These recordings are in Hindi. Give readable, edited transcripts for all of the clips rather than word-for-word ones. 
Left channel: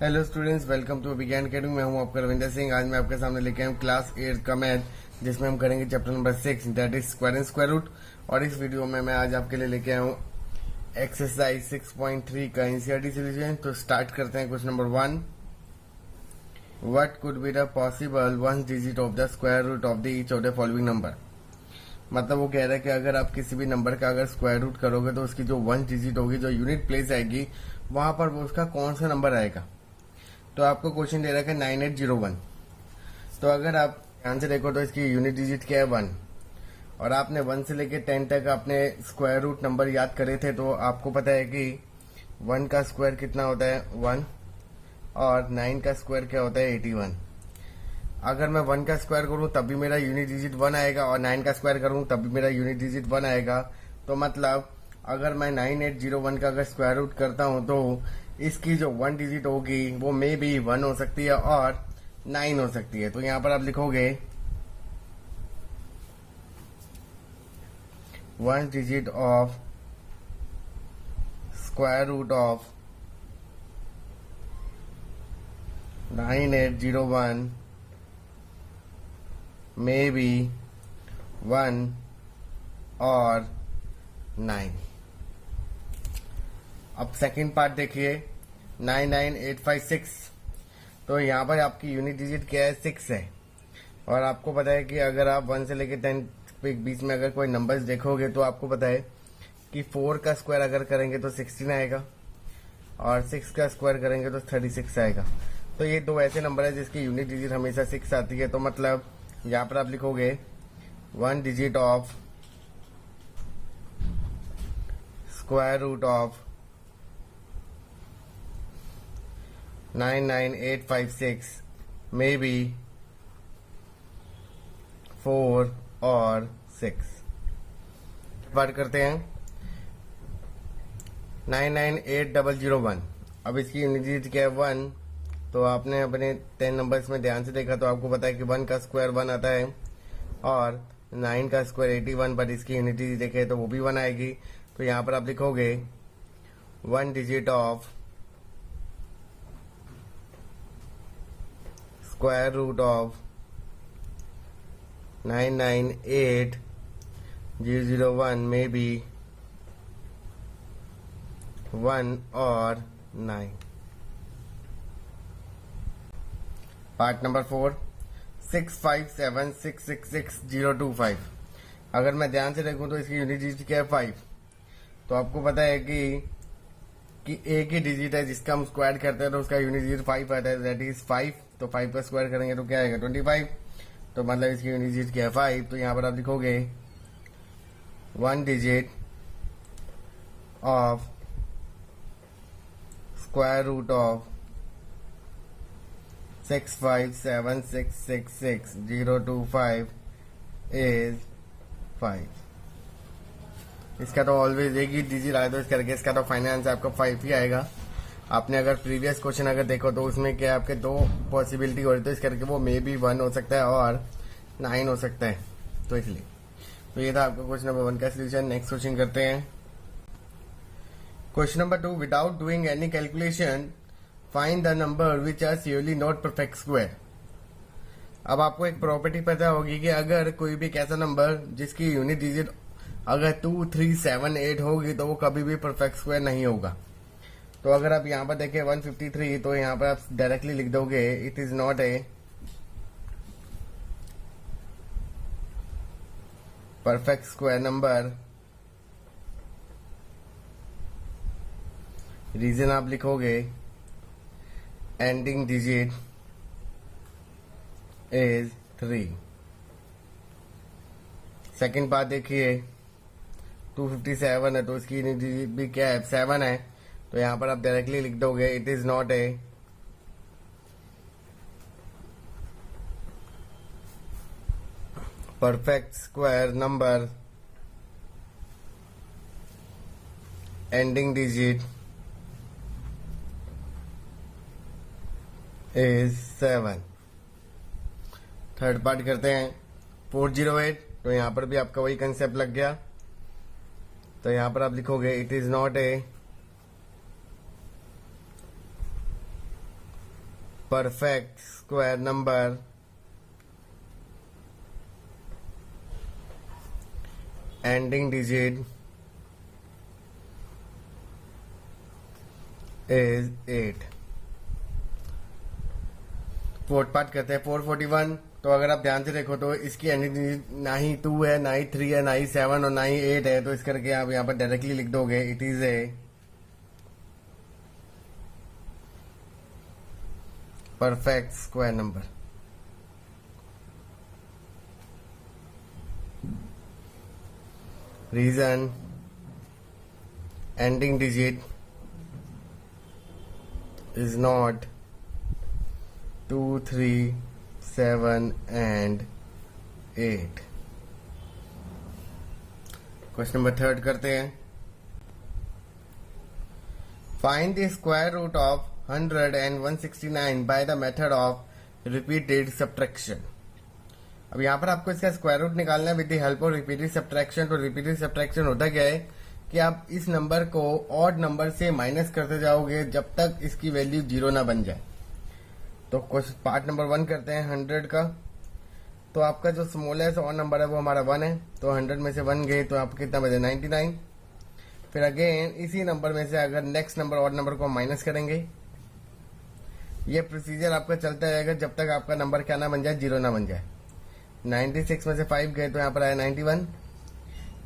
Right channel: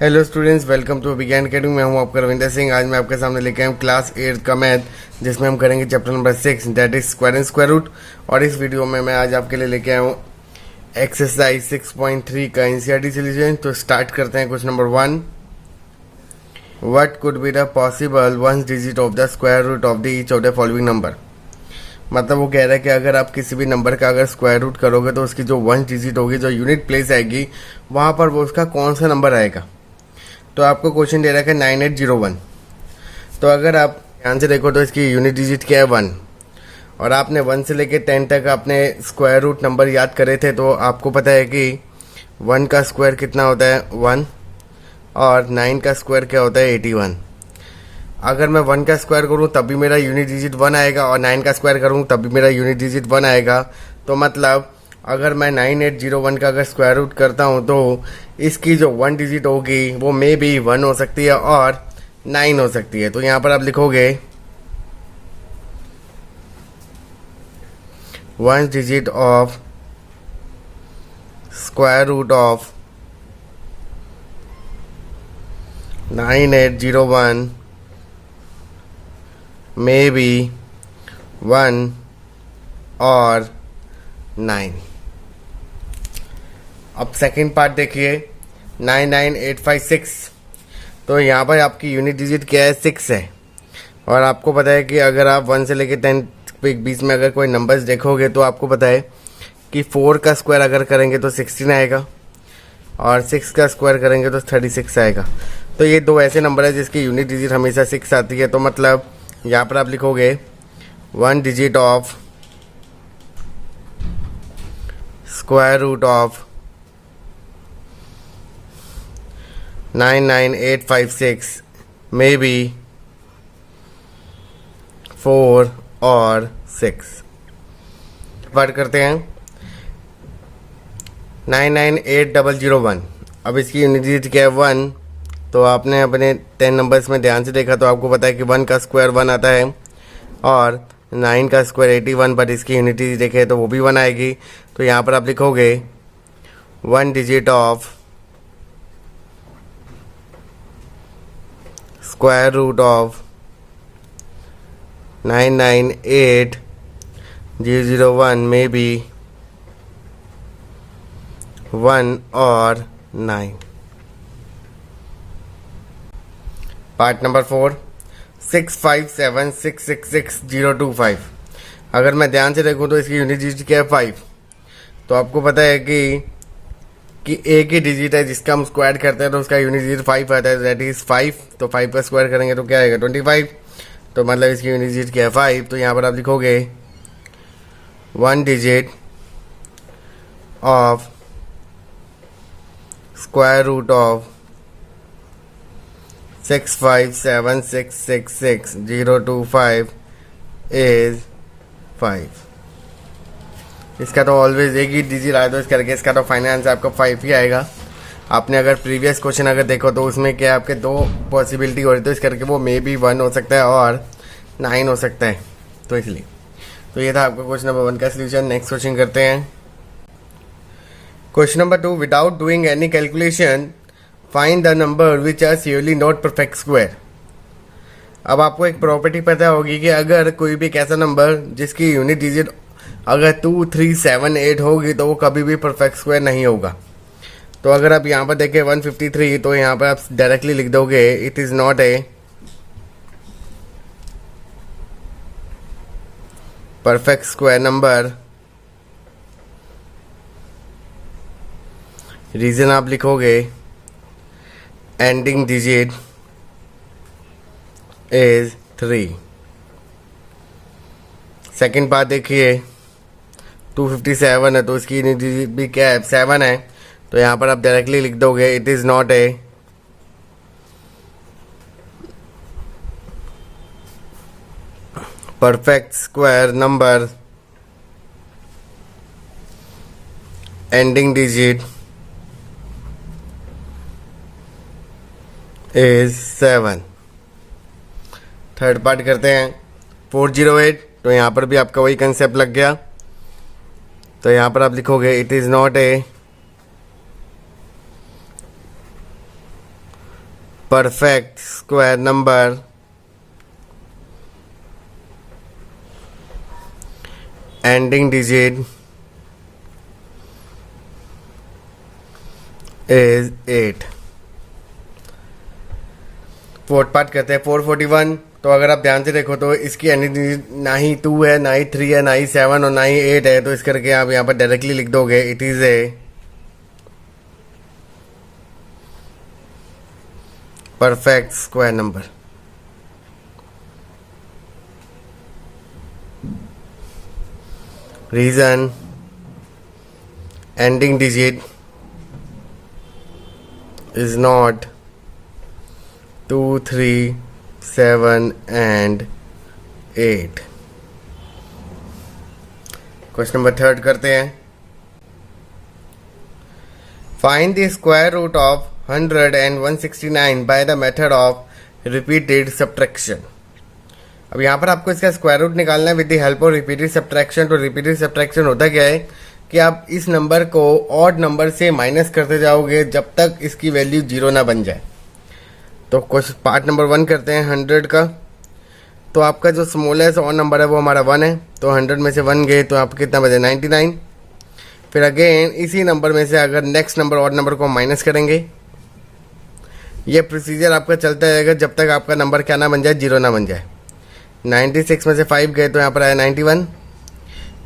हेलो स्टूडेंट्स, वेलकम टू विज्ञान अकेडमी। मैं हूं आपका रविंदर सिंह। आज मैं आपके सामने लेके आया हूं क्लास 8 का मैथ, जिसमें हम करेंगे chapter number 6 that is square and square root. और इस वीडियो में मैं आज आपके लिए लेके आया हूं एक्सरसाइज 6.3 का एनसीईआरटी सॉल्यूशन। तो स्टार्ट करते हैं। Question number 1, what could be the possible one digit of the square root of the each of the following number. मतलब वो कह रहा है कि अगर आप किसी भी नंबर का अगर स्क्वायर रूट करोगे तो उसकी जो वन डिजिट होगी, जो यूनिट प्लेस आएगी, वहां पर वो उसका कौन सा नंबर आएगा। तो आपको क्वेश्चन दे रखा है 9801। तो अगर आप ध्यान से देखो तो इसकी यूनिट डिजिट क्या है 1, और आपने 1 से लेके 10 तक आपने स्क्वायर रूट नंबर याद करे थे। तो आपको पता है कि 1 का स्क्वायर कितना होता है 1, और 9 का स्क्वायर क्या होता है 81। अगर मैं 1 का स्क्वायर करूँ तब भी मेरा यूनिट डिजिट 1 आएगा, और 9 का स्क्वायर करूँ तब भी मेरा यूनिट डिजिट 1 आएगा। तो मतलब अगर मैं 9801 का अगर स्क्वायर रूट करता हूँ तो इसकी जो 1 डिजिट होगी वो मे बी 1 हो सकती है और 9 हो सकती है। तो यहाँ पर आप लिखोगे 1 digit of square root of 9801 may be 1 और 9। अब सेकंड पार्ट देखिए 99856। तो यहाँ पर आपकी यूनिट डिजिट क्या है 6 है, और आपको पता है कि अगर आप 1 से लेकर 10 के बीच में अगर कोई नंबर्स देखोगे तो आपको पता है कि 4 का स्क्वायर अगर करेंगे तो 16 आएगा, और 6 का स्क्वायर करेंगे तो 36 आएगा। तो ये दो ऐसे नंबर है जिसकी यूनिट डिजिट हमेशा 6 आती है। तो मतलब यहाँ पर आप लिखोगे 1 digit of square root of 99856 may be 4 और 6। बात करते हैं 998001। अब इसकी यूनिट डिजिट क्या है 1। तो आपने अपने 10 नंबर्स में ध्यान से देखा तो आपको पता है कि 1 का स्क्वायर 1 आता है, और 9 का स्क्वायर 81, बट इसकी यूनिट डिजिट देखें तो वो भी 1 आएगी। तो यहाँ पर आप लिखोगे 1 digit of square root of 998001 में भी 1 और 9। Part number 4, 6576666025। अगर मैं ध्यान से देखूं तो इसकी यूनिट डिजिट क्या है 5। तो आपको पता है कि एक ही डिजिट है जिसका हम स्क्वायर करते हैं तो उसका यूनिट डिजिट 5 आता है, दैट इज 5। तो 5 का स्क्वायर करेंगे तो क्या आएगा 25। तो मतलब इसकी यूनिट डिजिट क्या है 5। तो यहाँ पर आप लिखोगे 1 digit of square root of 6576666025 is 5। इसका तो ऑलवेज एक ही डिजिट आया तो इस करके इसका तो फाइनल आंसर आपका 5 ही आएगा। आपने अगर प्रीवियस क्वेश्चन अगर देखो तो उसमें क्या आपके दो पॉसिबिलिटी हो रही, तो इस करके वो मे बी 1 हो सकता है और 9 हो सकता है, तो इसलिए। तो ये था आपका क्वेश्चन नंबर 1 का सोल्यूशन। नेक्स्ट क्वेश्चन करते हैं। Question number 2, without doing any calculation find the number which are surely not perfect square. अब आपको एक प्रॉपर्टी पता होगी कि अगर कोई भी एक ऐसा नंबर जिसकी यूनिट डिजिट अगर 2, 3, 7, 8 होगी तो वो कभी भी परफेक्ट स्क्वायर नहीं होगा। तो अगर आप यहाँ पर देखें 153, तो यहाँ पर आप डायरेक्टली लिख दोगे it is not a perfect square number. Reason आप लिखोगे ending digit is 3। Second part देखिए 257 है तो इसकी यूनिट डिजिट भी क्या है 7 है। तो यहाँ पर आप डायरेक्टली लिख दोगे it is not a perfect square number ending digit is 7। Third part करते हैं 408। तो यहाँ पर भी आपका वही कंसेप्ट लग गया। तो यहाँ पर आप लिखोगे it is not a perfect square number ending digit is 8। Fourth part करते हैं 441। तो अगर आप ध्यान से देखो तो इसकी एंडिंग डिजिट ना ही 2 है, ना ही 3 है, ना ही 7 और ना ही 8 है। तो इस करके आप यहाँ पर डायरेक्टली लिख दोगे it is a perfect square number. Reason ending digit is not 2, 3, 7 and 8। Question number 3 करते हैं। Find the square root of 100 and 169 by the method of repeated subtraction. अब यहाँ पर आपको इसका स्क्वायर रूट निकालना है with the help of repeated subtraction. तो रिपीटेड सब्ट्रैक्शन होता क्या है कि आप इस नंबर को ऑड नंबर से माइनस करते जाओगे जब तक इसकी वैल्यू 0 ना बन जाए। तो क्वेश्चन पार्ट नंबर 1 करते हैं 100 का। तो आपका जो स्मॉलेस्ट ऑड नंबर है वो हमारा 1 है। तो 100 में से 1 गए तो आप कितना बचे 99। फिर अगेन इसी नंबर में से अगर नेक्स्ट नंबर ऑड नंबर को माइनस करेंगे, ये प्रोसीजर आपका चलता रहेगा जब तक आपका नंबर क्या ना बन जाए 0 ना बन जाए। 96 में से 5 गए तो यहाँ पर आया 91।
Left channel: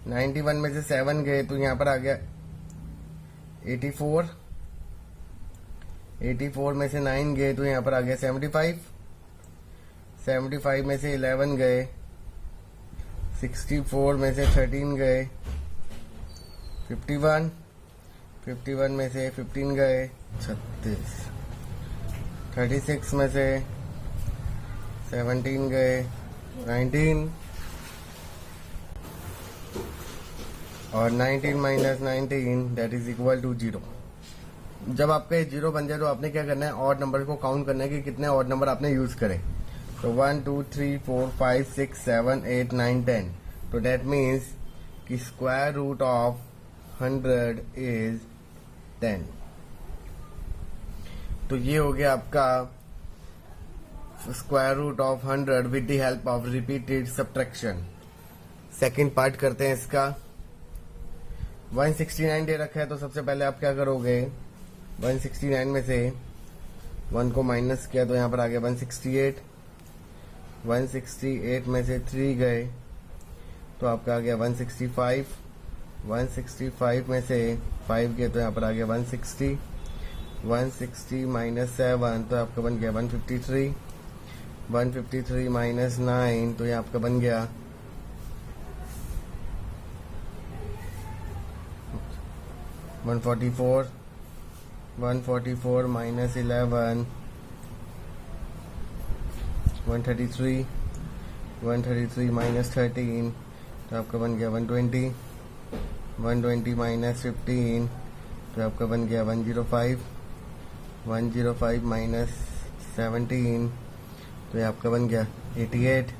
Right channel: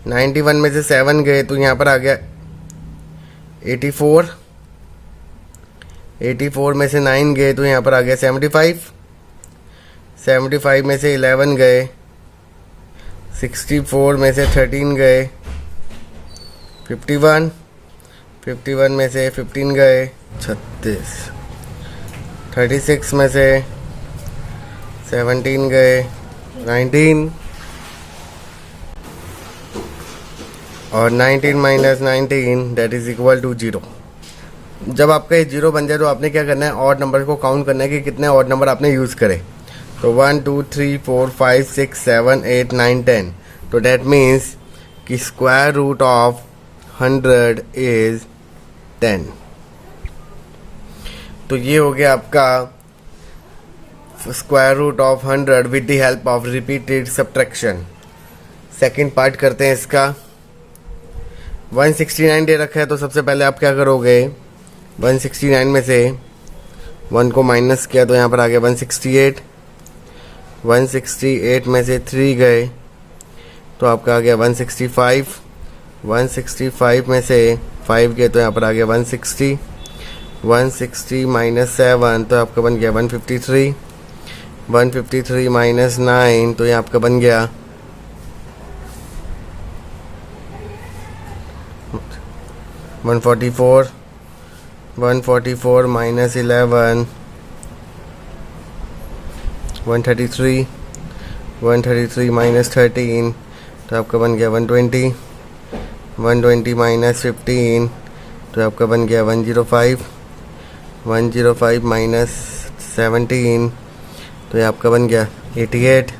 91 में से 7 गए तो यहाँ पर आ गया 84। 84 में से 9 गए तो यहाँ पर आ गया 75। 75 में से 11 गए। 64 में से 13 गए। 51। 51 में से 15 गए 36। 36 में से 17 गए 19। और 19 minus 19 that is equal to 0। जब आपका ये 0 बन जाए तो आपने क्या करना है, ऑड नंबर को काउंट करना है कि कितने ऑड नंबर आपने यूज़ करे। तो 1 2 3 4 5 6 7 8 9 10। तो दैट मीन्स कि स्क्वायर रूट ऑफ 100 इज 10। तो ये हो गया आपका square root of 100 with the help of repeated subtraction. Second part करते हैं इसका। 169 दे रखा है तो सबसे पहले आप क्या करोगे, 169 में से 1 को माइनस किया तो यहाँ पर आ गया 168। 168 में से 3 गए तो आपका आ गया 165। 165 में से 5 गए तो यहाँ पर आ गया 160। 160 माइनस 7 तो आपका बन गया 153। 153 माइनस 9 तो ये आपका बन गया 144। 144 माइनस 11 133। 133 माइनस 13 तो आपका बन गया 120। 120 माइनस 15 तो आपका बन गया 105। 105 माइनस 17 तो ये आपका बन गया 88।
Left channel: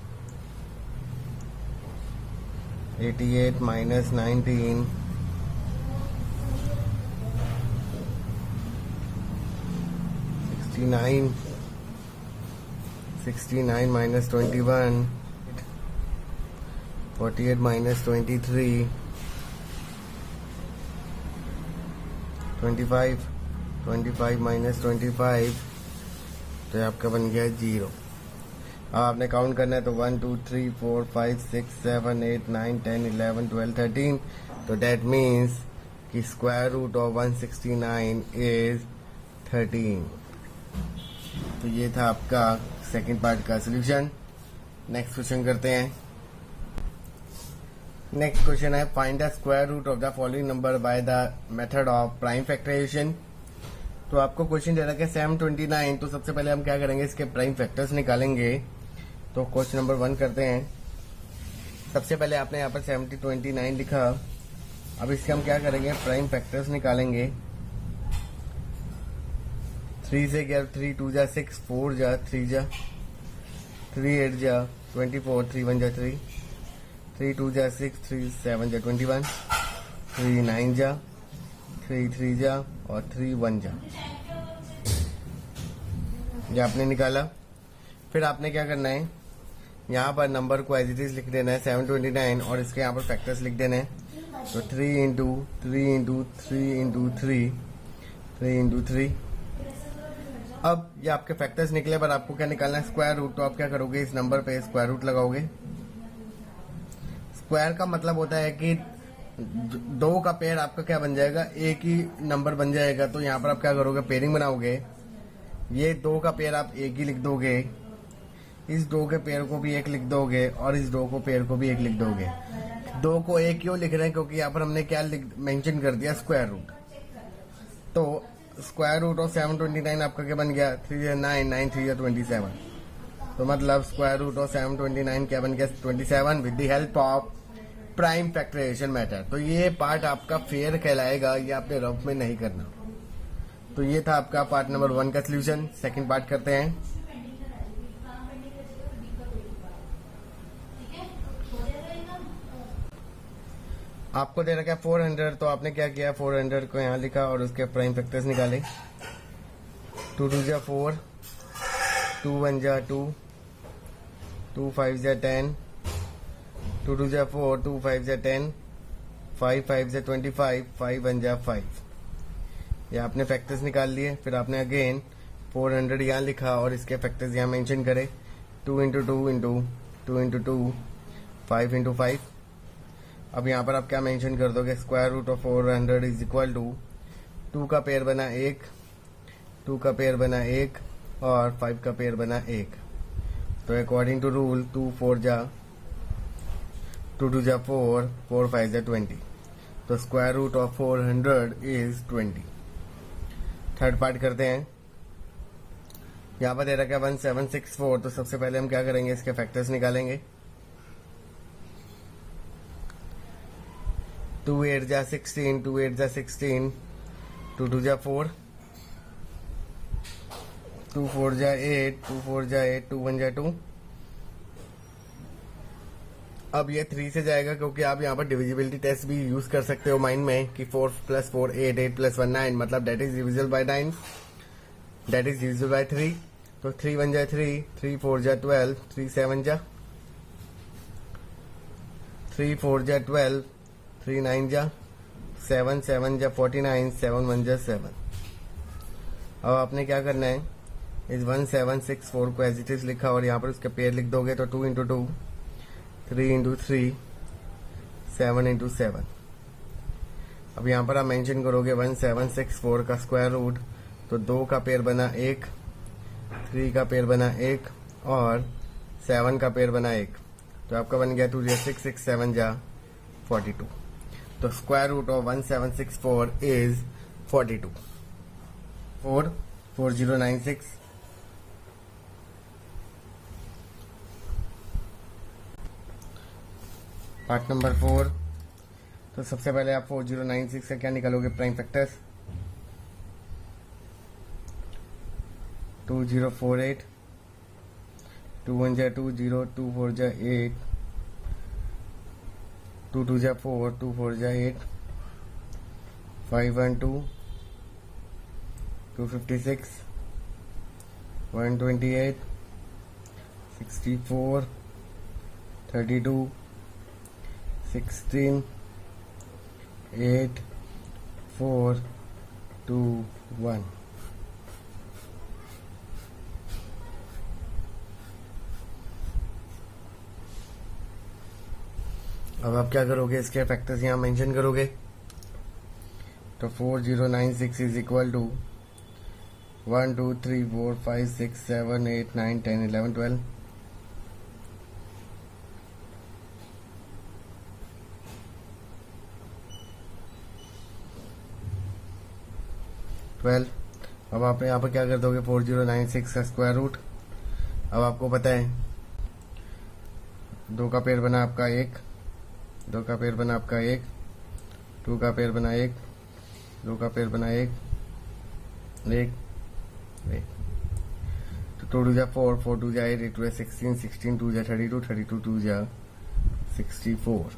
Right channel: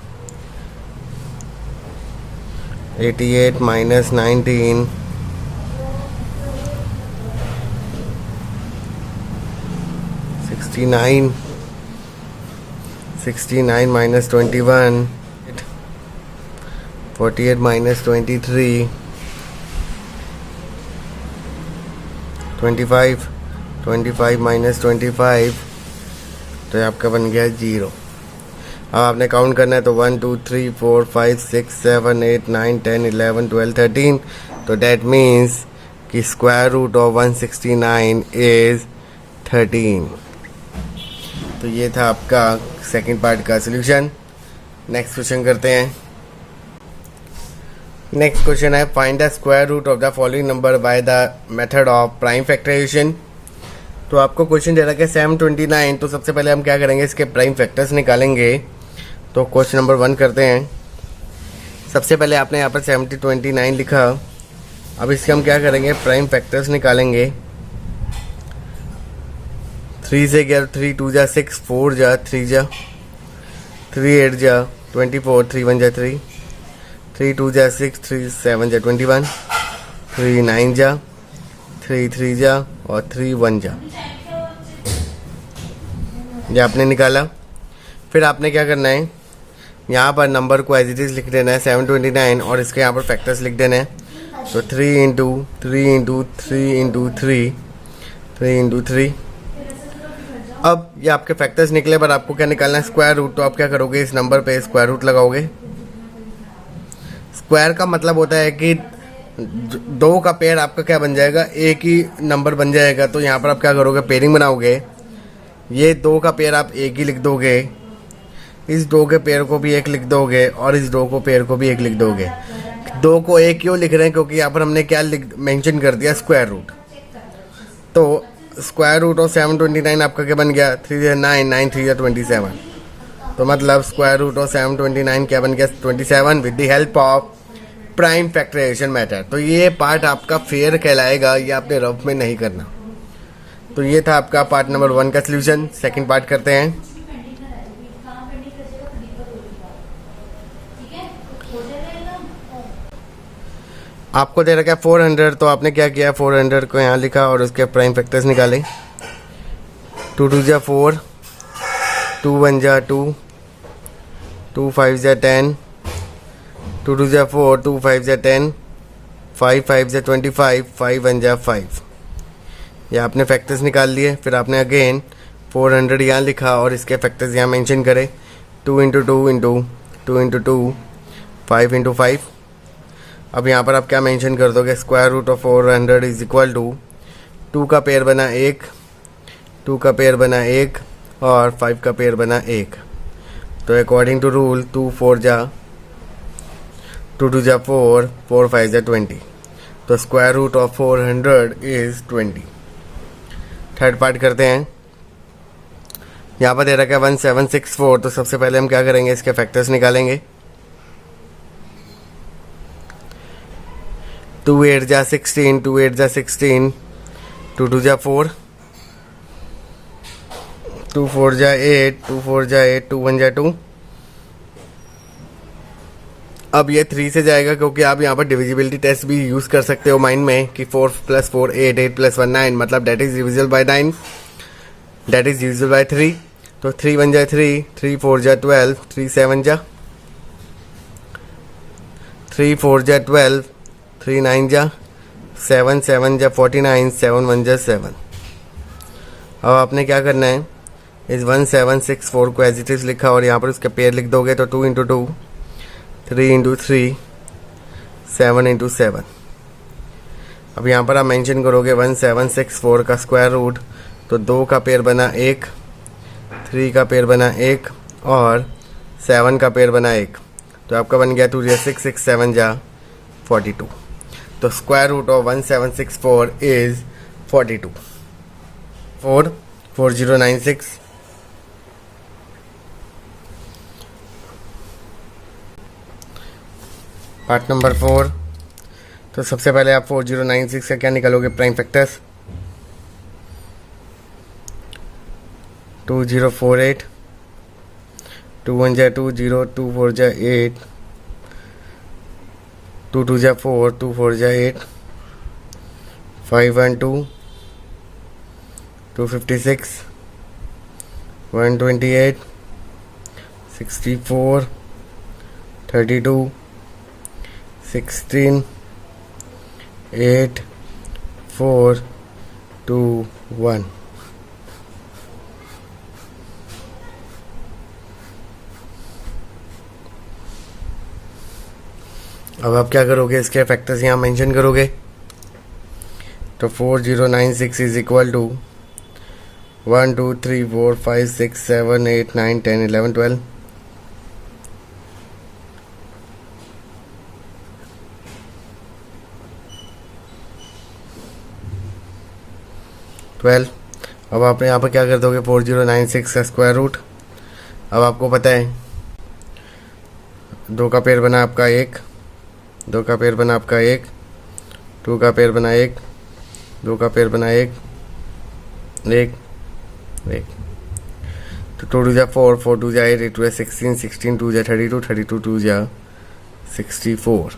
88 माइनस 19 69। 69 minus 21 48 minus 23 25। 25 minus 25 तो ये आपका बन गया 0। अब आपने काउंट करना है तो 1 2 3 4 5 6 7 8 9 10 11 12 13। तो डैट मीन्स कि स्क्वायर रूट ऑफ 169 इज 13। तो ये था आपका सेकंड पार्ट का सॉल्यूशन। नेक्स्ट क्वेश्चन करते हैं। नेक्स्ट क्वेश्चन है find the square root of the following number by the method of prime factorisation. तो आपको क्वेश्चन दे रखा है 729। तो सबसे पहले हम क्या करेंगे, इसके प्राइम फैक्टर्स निकालेंगे। तो क्वेश्चन नंबर 1 करते हैं। सबसे पहले आपने यहाँ पर 729 लिखा। अब इसके हम क्या करेंगे, प्राइम फैक्टर्स निकालेंगे। 3 से गया 3 2 जा 6 4 जा 3 जा 3 8 जा 24 3 1 जा 3 3 2 जा 6 3 7 जा 21 3 9 जा 3 3 जा और 3 1 जा। ये आपने निकाला। फिर आपने क्या करना है, यहाँ पर नंबर को एज इट इज़ लिख देना है 729 और इसके यहाँ पर फैक्टर्स लिख देना है। तो 3 इंटू 3 इंटू 3 इंटू 3 3 इंटू 3। अब ये आपके फैक्टर्स निकले, पर आपको क्या निकालना है, स्क्वायर रूट। तो आप क्या करोगे, इस नंबर पे स्क्वायर रूट लगाओगे। स्क्वायर का मतलब होता है कि दो का पेयर आपका क्या बन जाएगा, एक ही नंबर बन जाएगा। तो यहाँ पर आप क्या करोगे, पेयरिंग बनाओगे। ये दो का पेयर आप एक ही लिख दोगे, इस दो के पेयर को भी एक लिख दोगे और इस दो को पेयर को भी एक लिख दोगे। दो को एक क्यों लिख रहे हैं, क्योंकि यहाँ पर हमने क्या मेंशन कर दिया, स्क्वायर रूट। तो स्क्वायर रूट ऑफ 729 आपका क्या बन गया, 3 9 9 3 27। तो मतलब स्क्वायर रूट ऑफ 729 क्या बन गया, 27 with the help of prime factorisation method. तो ये पार्ट आपका फेयर कहलाएगा, ये आपने रफ में नहीं करना। तो ये था आपका पार्ट नंबर 1 का सोल्यूशन। सेकंड पार्ट करते हैं। आपको दे रखा है 400, तो आपने क्या किया, 400 को यहाँ लिखा और उसके प्राइम फैक्टर्स निकाले। 2 2 जा 4, 2 1 जा 2, 2 5 जा 10, 2 2 जा 4, 2 5 जा 10, 5 5 जा 25, 5 1 जा 5। ये आपने फैक्टर्स निकाल लिए। फिर आपने अगेन 400 यहाँ लिखा और इसके फैक्टर्स यहाँ मेंशन करे। 2 इंटू 2 इंटू 2 इंटू 2, 5 इंटू 5। अब यहाँ पर आप क्या मेंशन कर दोगे, square root of 400 is equal to 2 का पेयर बना 1, 2 का पेयर बना 1 और 5 का पेयर बना 1। तो अकॉर्डिंग टू रूल 2 4 जा 2 2 जा 4, 4 5 जा 20। तो square root of 400 is 20। Third part करते हैं। यहाँ पर दे रखा है 1764। तो सबसे पहले हम क्या करेंगे, इसके फैक्टर्स निकालेंगे। 2 8 जा 16, 2 8 जा 16, 2 2 जा 4, 2 4 जा 8, 2 4 जा 8, 2 1 जा 2। अब ये 3 से जाएगा, क्योंकि आप यहाँ पर डिविजिबिलिटी टेस्ट भी यूज़ कर सकते हो माइंड में कि 4 + 4 8, 8 + 1 9, मतलब that is divisible by 9, that is divisible by 3। तो 3 1 जा 3, 3 4 जा 12, 3 7 जा 3 4 जा 12, 3 9 जा 7, 7 जा 49, 7 1 जा 7। अब आपने क्या करना है, इस 1764 को एज इट इज लिखा और यहाँ पर उसके पेयर लिख दोगे। तो 2 इंटू 2, 3 इंटू 3, 7 इंटू 7। अब यहाँ पर आप मेंशन करोगे 1764 का स्क्वायर रूट। तो 2 का पेयर बना 1, 3 का पेयर बना 1 और 7 का पेयर बना 1। तो आपका बन गया 2 जा 6, 6 7 जा 42। तो square root of 1764 is 42। 4096। Part number 4। तो सबसे पहले आप 4096 का क्या निकालोगे, प्राइम फैक्टर्स। 2048, 2 1 जा 2 0, 2 4 जा 8, 2 2 जा 4, 2 4 जा 8, 5 1 2, 256, 128, 64, 32, 16, 8 4 2 1। अब आप क्या करोगे, इसके फैक्टर्स यहाँ मेंशन करोगे। तो 4096 इज इक्वल टू 1 2 3 4 5 6 7 8 9 10 11 12। 12। अब आप यहाँ पर क्या कर दोगे, 4096 का स्क्वायर रूट। अब आपको पता है 2 का पेयर बना आपका 1, 2 का पेयर बना आपका 1, 2 का पेयर बना 1, 2 का पेयर बना 1 1 1। तो 2 2 जा 4, 4 2 जा 8, 8 2 जा 16, 16 2 जा 32, 32 2 जा 64।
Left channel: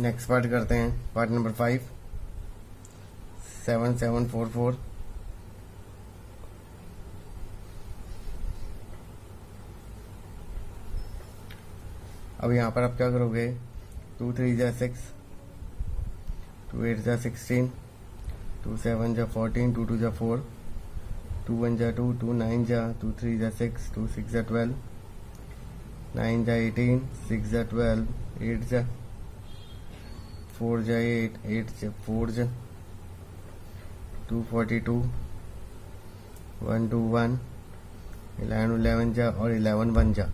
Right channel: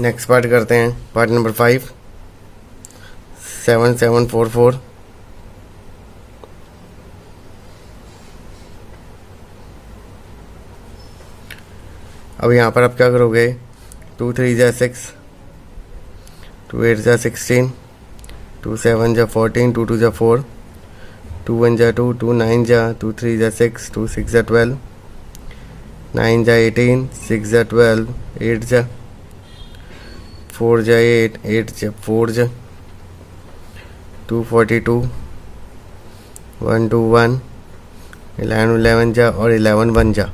नेक्स्ट पार्ट करते हैं, पार्ट नंबर 5। 7744। अब यहाँ पर आप क्या करोगे, 2 3 जा 6, 2 8 जा 16, 2 7 जा 14, 2 2 जा 4, 2 1 जा 2, 2 9 जा, 2 3 जा 6, 2 6 जा 12, 9 जा 18, 6 जा 12, 8 जा 4 जा 8, 8 जा 4 जा, 2 42, 1 2 1, 11 11 जा और 11 1 जा।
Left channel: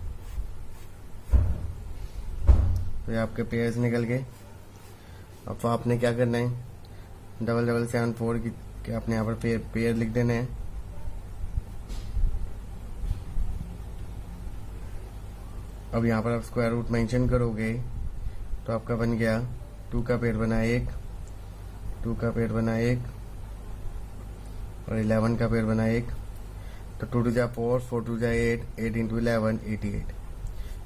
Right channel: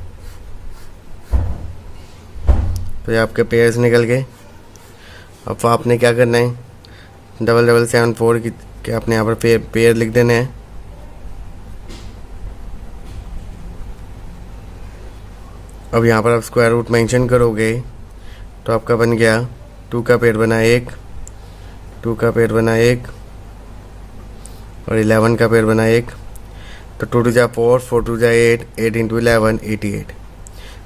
तो ये आपके पेयर्स निकल गए। अब आपने क्या करना है, 7774 के आपने यहाँ पर पेयर लिख देने हैं। अब यहाँ पर आप स्क्वायर रूट मेंशन करोगे तो आपका बन गया 2 का पेयर बना 1, 2 का पेयर बना 1 और 11 का पेयर बना 1। तो 2 2 जा 4, 4 2 जा 8, 8 इंटू 11 88।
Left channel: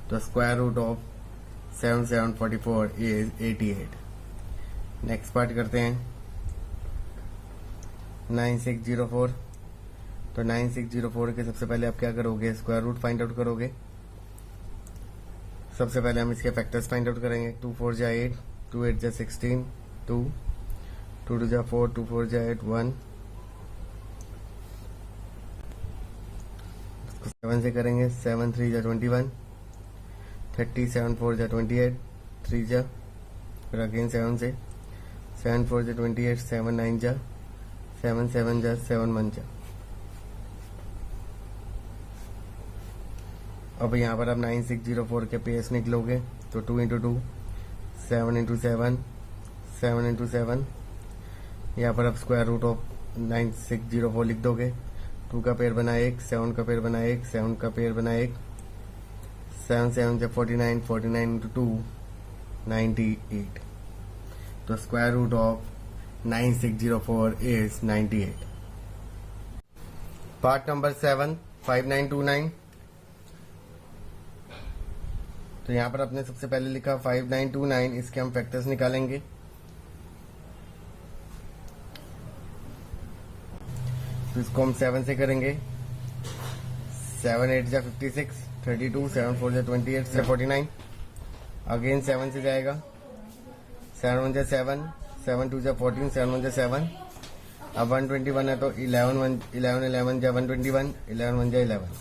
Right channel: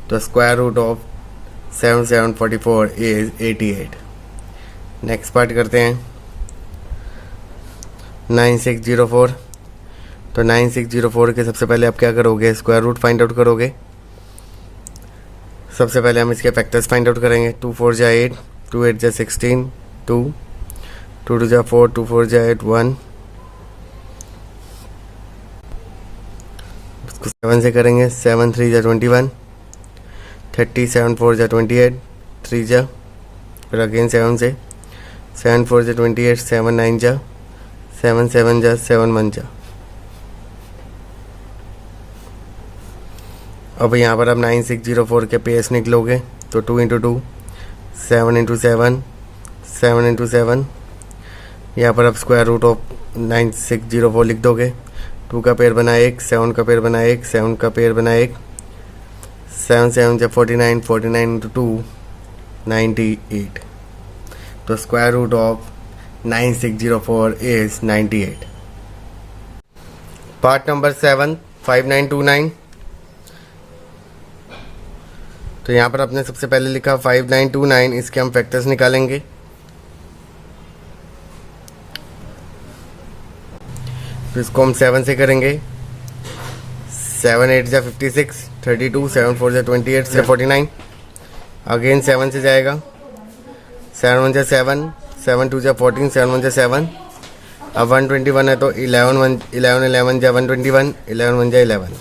तो square root of 7744 is 88। Next part करते हैं 9604। तो 9604 के सबसे पहले आप क्या करोगे, स्क्वायर रूट फाइंड आउट करोगे। सबसे पहले हम इसके फैक्टर्स फाइंड आउट करेंगे। 2 4 जा 8, 2 8 जा 16, 2 2 2 जा 4, 2 4 जा 8 1। इसको 7 से करेंगे। 7 3 जा 21, 30 7 4 जा 28, 3 जा, फिर अगेन 7 से, 7 4 जा 28, 7 9 जा, 7 7 जा, 7 1 जा। अब यहाँ पर अब 9604 के पेयर्स निकलोगे। तो 2 इंटू 2, 7 इंटू 7, 7 इंटू 7। यहाँ पर अब स्क्वायर रूट ऑफ 9604 लिख दोगे। 2 का पेयर बना 1, 7 का पेयर बना 1, 7 का पेयर बना 1, 7 7 जा 49, 49 इंटू 2 98। तो square root of 9604 is 98। Part number 7 5929। तो यहाँ पर अपने सबसे पहले लिखा 5929, इसके हम फैक्टर्स निकालेंगे। तो इसको हम 7 से करेंगे। 7 8 जा 56, 32, 7 4 जा 28 से 49। अगेन 7 से जाएगा। 7 1 जा 7, 7 2 जा 14, 7 1 जा 7। अब 121 है तो 11 11 जा 121, 11 1 जा 11।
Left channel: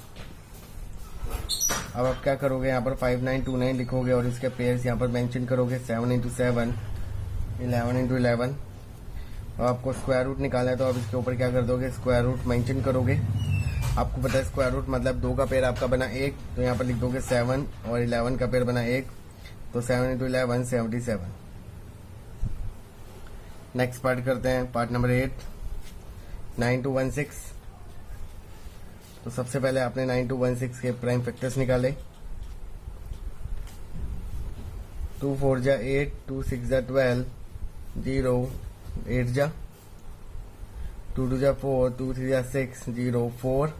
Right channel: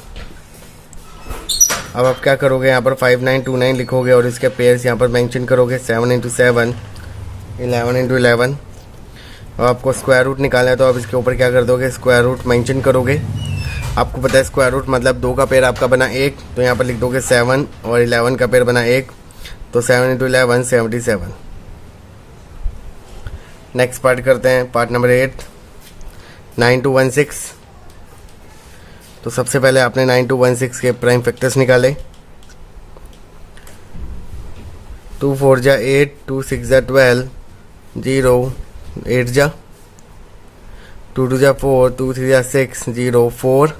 अब आप क्या करोगे, यहाँ पर 5929 लिखोगे और इसके पेयर्स यहाँ पर मेंशन करोगे। 7 इंटू 7, 11 इंटू 11। अब आपको स्क्वायर रूट निकालना है तो आप इसके ऊपर क्या कर दोगे, स्क्वायर रूट मेंशन करोगे। आपको पता है स्क्वायर रूट मतलब 2 का पेयर आपका बना 1, तो यहाँ पर लिख दोगे 7 और 11 का पेयर बना 1, तो 7 इंटू 11 77। नेक्स्ट पार्ट करते हैं, पार्ट नंबर 8 9216। तो सबसे पहले आपने 9216 के प्राइम फैक्टर्स निकाले। 2 4 जा 8, 2 6 जा 12, 0 8 जा, 2 2 जा 4, 2 3 जा 6, 0 4,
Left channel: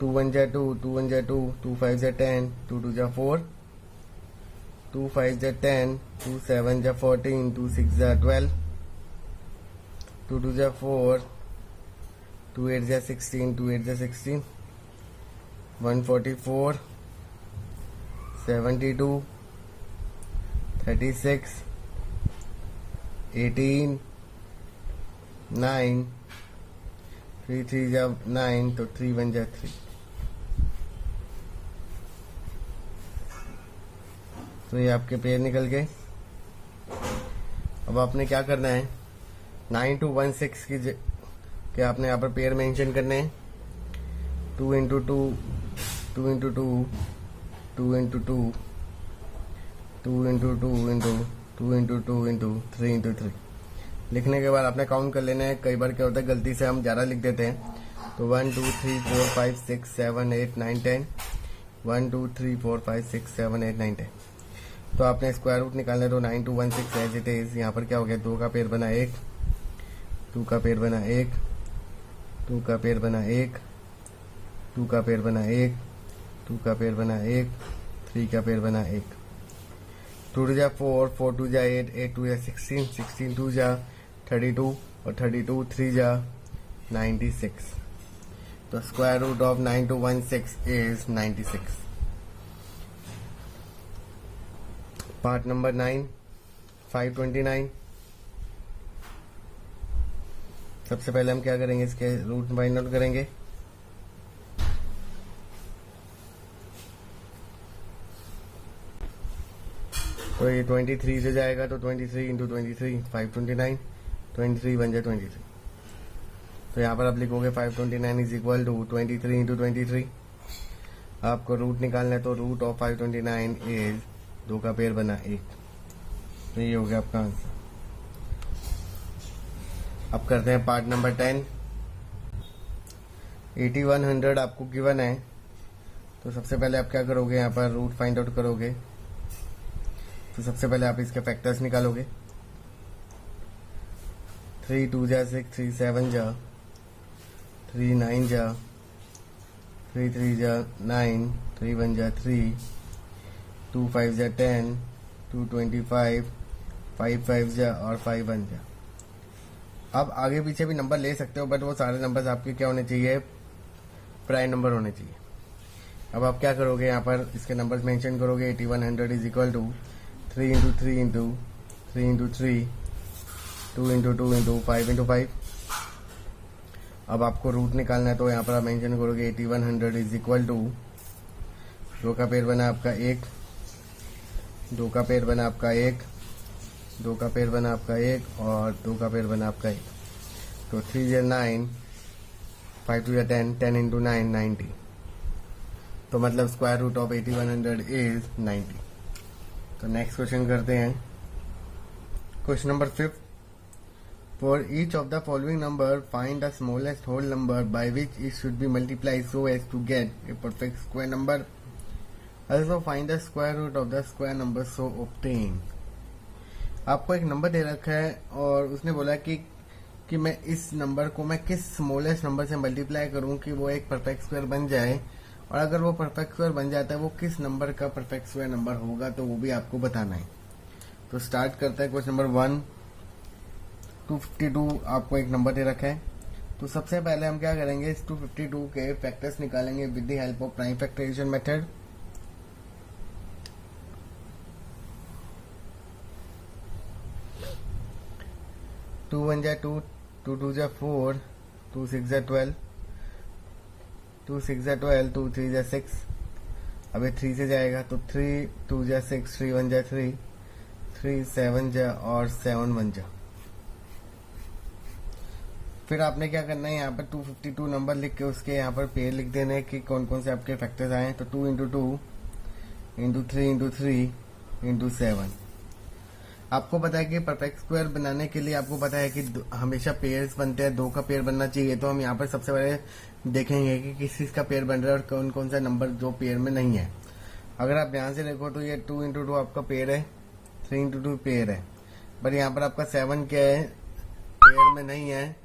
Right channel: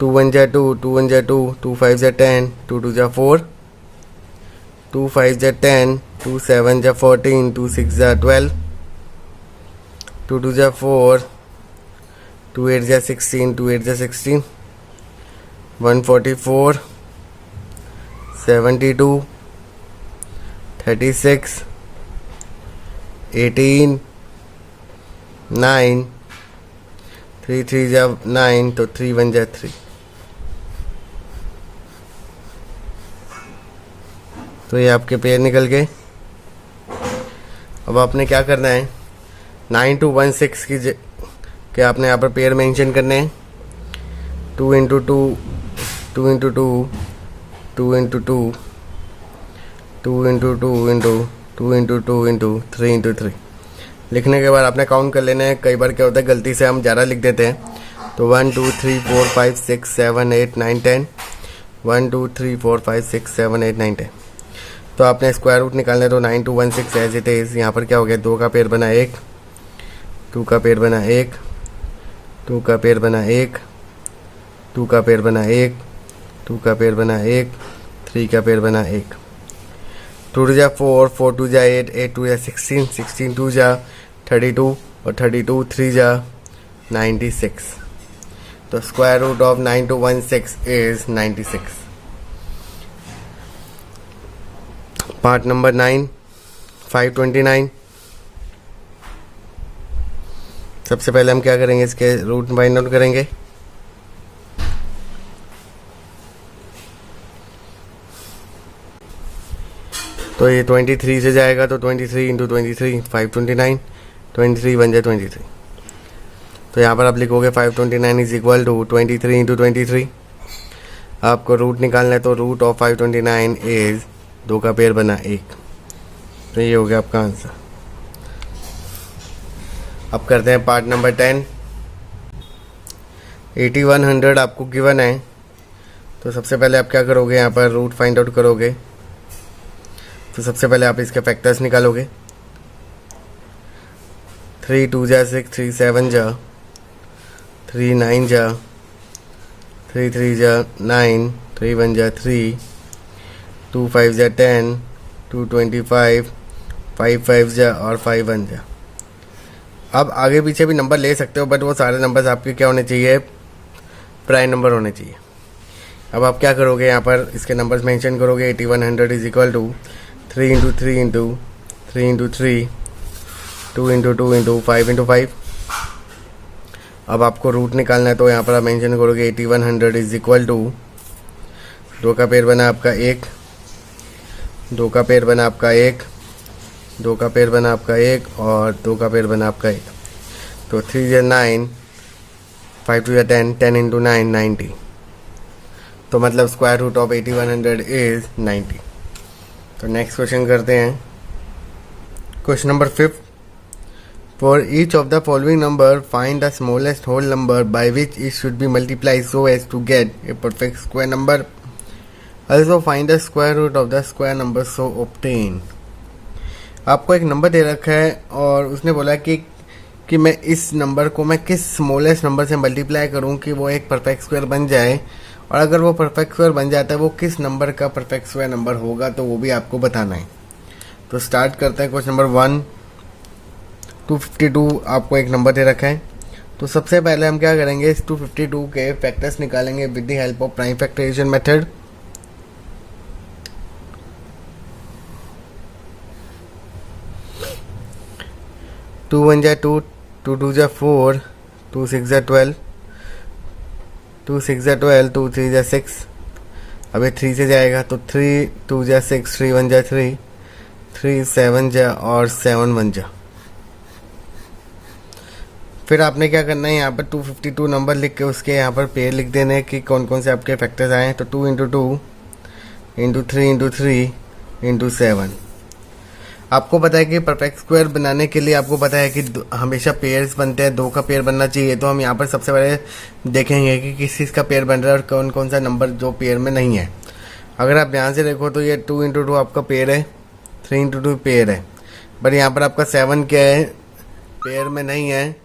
2 1 जा 2, 2 1 जा 2, 2 5 जा 10, 2 2 जा 4, 2 5 जा 10, 2 7 जा 14, 2 6 जा 12, 2 2 जा 4, 2 8 जा 16, 2 8 जा 16, 144, 72, 36, 18, 9, 3 3 जा 9, तो 3 1 जा 3। तो ये आपके पेयर निकल गए। अब आपने क्या करना है, 9216 के आपने यहाँ पर पेयर मेंशन करने हैं। 2 into 2, 2 into 2, 2 into 2, 2 into 2 into 2 into 2 into 3 into 3 लिखने के बाद आपने काउंट कर लेना है। कई बार क्या होता है गलती से हम ज़्यादा लिख देते हैं। तो 1 2 3 4 5 6 7 8 9 10, 1 2 3 4 5 6 7 8 9 10। तो आपने स्क्वायर रूट निकालना है। तो 9216 एज इट इज़। यहाँ पर क्या हो गया, 2 का पेयर बना 1, 2 का पेयर बना 1, 2 का पेयर बना 1, 2 का पेयर बना 1, 2 का पेयर बना 1, 3 का पेयर बना 1। 2 जा 4, 4 2 जा 8, 8 2 जा 16, 16 2 जा 32 और 32 3 जा 96। तो square root of 9216 is 96। Part number 9 529। सबसे पहले हम क्या करेंगे, इसके रूट फाइंड आउट करेंगे। तो ये 23 से जाएगा, तो 23 इंटू 23 529, 23 बन जाए 23। तो यहाँ पर आप लिखोगे 529 इज इक्वल टू 23 इंटू 23। आपको रूट निकालना है, तो रूट ऑफ 529 इज 2 का पेयर बना 1। तो ये हो गया आपका आंसर। अब करते हैं पार्ट नंबर 10। 8100 आपको गिवन है, तो सबसे पहले आप क्या करोगे, यहाँ पर रूट फाइंड आउट करोगे। तो सबसे पहले आप इसके फैक्टर्स निकालोगे। 3 2 जा 6, 3 7 जा, 3 9 जा, 3 3 जा 9, 3 1 जा 3, 2 5 जा 10, 2 25, 5 5 जा और 5 1 जा। अब आगे पीछे भी नंबर ले सकते हो, बट वो सारे नंबर्स आपके क्या होने चाहिए, प्राइम नंबर होने चाहिए। अब आप क्या करोगे, यहाँ पर इसके नंबर्स मेंशन करोगे। 8100 is equal to 3 into 3 into 3 into 3, 2 into 2 into 5 into 5। अब आपको रूट निकालना है, तो यहाँ पर आप मेंशन करोगे 8100 इज इक्वल टू 2 का पेयर बना आपका 1, 2 का पेयर बना आपका 1, 2 का पेयर बना आपका 1 और 2 का पेयर बना आपका 1। तो 3 या 9, 5 2 या 10, 10 इंटू 9 90। तो मतलब स्क्वायर रूट ऑफ 8100 इज 90। तो नेक्स्ट क्वेश्चन करते हैं। Question number 5। For each of the following number find the smallest whole number by which it should be multiply so as to get a perfect square number. Also find the square root of the square number so obtain. आपको एक नंबर दे रखा है और उसने बोला कि मैं इस नंबर को मैं किस स्मॉलेस्ट नंबर से मल्टीप्लाई करूं कि वो एक परफेक्ट स्क्वायर बन जाए, और अगर वो परफेक्ट स्क्वायर बन जाता है वो किस नंबर का परफेक्ट स्क्वायर नंबर होगा, तो वो भी आपको बताना है। तो स्टार्ट करते हैं। Question number 1। 252 आपको एक नंबर दे रखा है। तो सबसे पहले हम क्या करेंगे, इस 252 के फैक्टर्स निकालेंगे with the help of prime factorisation method. Two 1 जा 2, 2 2 जा 4, 2 6 जा 12, 2 6 जा 12, 2 3 जा 6। अब ये 3 से जाएगा, तो 3 2 जा 6, 3 1 जा 3, 3 7 जा और 7 1 जा। फिर आपने क्या करना है, यहाँ पर 252 नंबर लिख के उसके यहाँ पर पेयर लिख देने हैं कि कौन कौन से आपके फैक्टर्स आए हैं। तो 2 इंटू 2 इंटू 3 इंटू 3 इंटू 7। आपको पता है कि परफेक्ट स्क्वायर बनाने के लिए आपको पता है कि हमेशा पेयर्स बनते हैं, 2 का पेयर बनना चाहिए। तो हम यहाँ पर सबसे पहले देखेंगे कि किस चीज़ का पेयर बन रहा है और कौन कौन सा नंबर जो पेयर में नहीं है। अगर आप ध्यान से देखो तो ये 2 इंटू 2 आपका पेयर है, 3 इंटू 2 पेयर है, बट यहाँ पर आपका 7 क्या है, पेयर में नहीं है,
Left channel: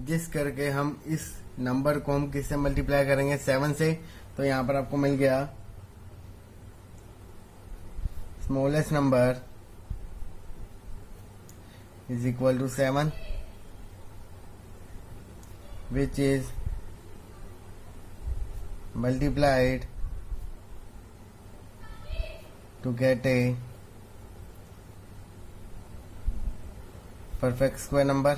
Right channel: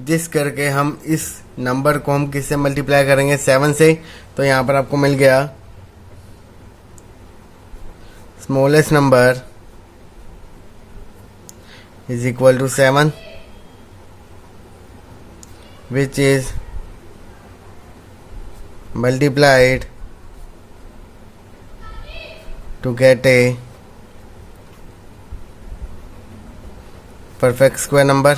जिस करके हम इस नंबर को हम किससे मल्टीप्लाई करेंगे, 7 से। तो यहाँ पर आपको मिल गया smallest number is equal to 7, which is multiplied to get a perfect square number।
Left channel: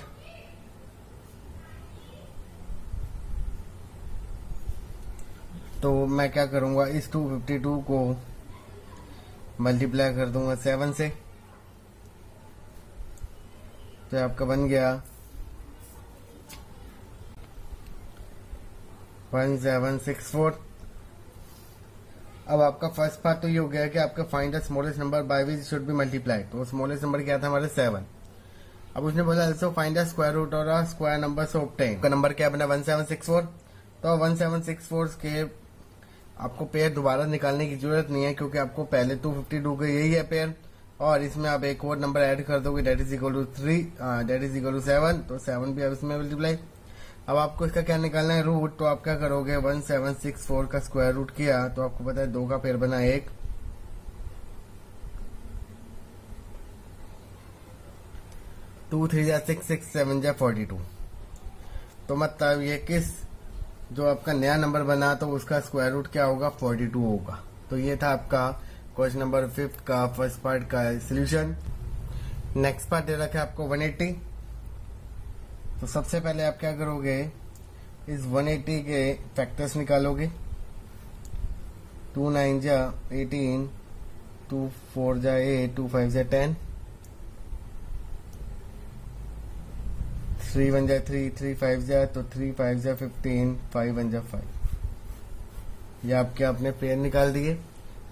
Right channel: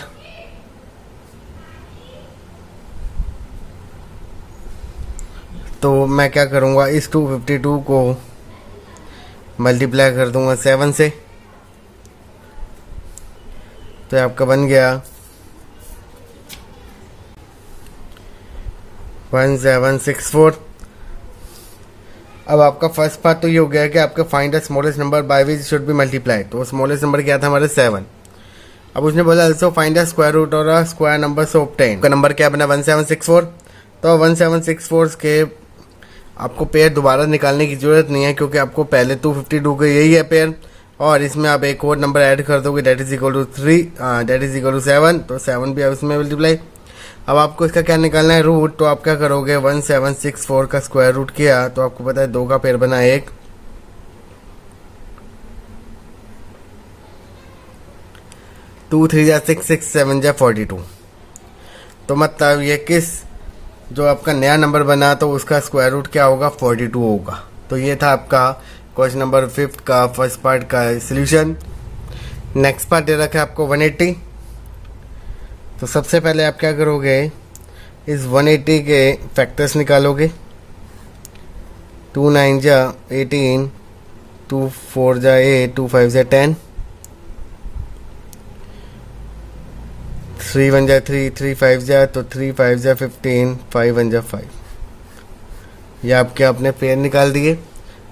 तो मैं क्या करूँगा, इस 252 को मल्टीप्लाई कर दूँगा 7 से। तो आपका बन गया 1764। अब आपका फर्स्ट पार्ट तो ये हो गया कि आपका find the smallest number by which should be multiply. तो स्मॉलेस्ट नंबर क्या था हमारे 7। अब उसने बोला also find the square root और स्क्वायर नंबर सो ऑब्टेन। का नंबर क्या बना 1764। तो 1764 के आपको पेयर दोबारा निकालने की जरूरत नहीं है, क्योंकि आपको पहले 252 का यही है पेयर, और इसमें आप एक और नंबर ऐड कर दोगे, that is equal to 3, that is equal to 7। तो 7 भी आप इसमें मल्टीप्लाई। अब आपको इसका क्या निकालना है, रूट। तो आप क्या करोगे, 1764 का स्क्वायर रूट किया, तो आपको पता है 2 का पेयर बना 1, 2 3 जा 6, 6 7 जा 42। तो मतलब ये किस जो आपका नया नंबर बना तो उसका स्क्वायर रूट क्या होगा, 42 होगा। तो ये था आपका क्वेश्चन नंबर 5 का फर्स्ट पार्ट का सॉल्यूशन। नेक्स्ट पार्ट दे रखा है आपको 180। तो सबसे पहले आप क्या करोगे, इस 180 के फैक्टर्स निकालोगे। 2 9 जा 18, 2 4 जा 8, 2 5 जा 10, 3 1 जा 3, 3 5 जा तो 3 5 जा 15, 5 1 जा 5। ये आपके अपने पेयर निकाल दिए।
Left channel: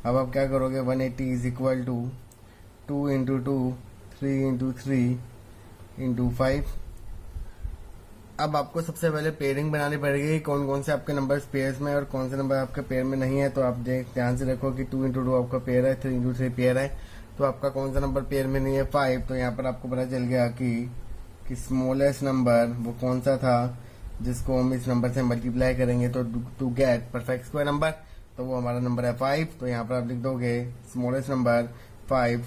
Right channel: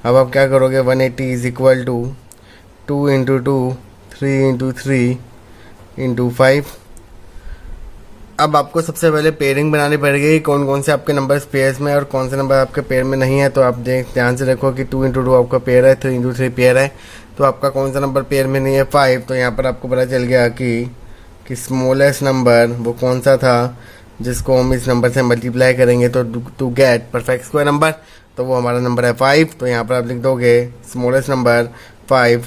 अब आप क्या करोगे, 180 is equal to 2 into 2, 3 into 3 into 5। अब आपको सबसे पहले पेयरिंग बनानी पड़ेगी, कौन कौन से आपके नंबर पेयर्स में और कौन से नंबर आपके पेयर में नहीं है। तो आप ध्यान से देखो कि 2 इंटू 2 आपका पेयर है, 3 इंटू 3 पेयर है, तो आपका कौन सा नंबर पेयर में नहीं है, 5। तो यहाँ पर आपको पता चल गया कि स्मॉलेस्ट नंबर वो कौन सा था जिसको हम इस नंबर से मल्टीप्लाई करेंगे तो to get perfect square number, तो वो हमारा नंबर है 5। तो यहाँ पर आप लिख दोगे smallest number 5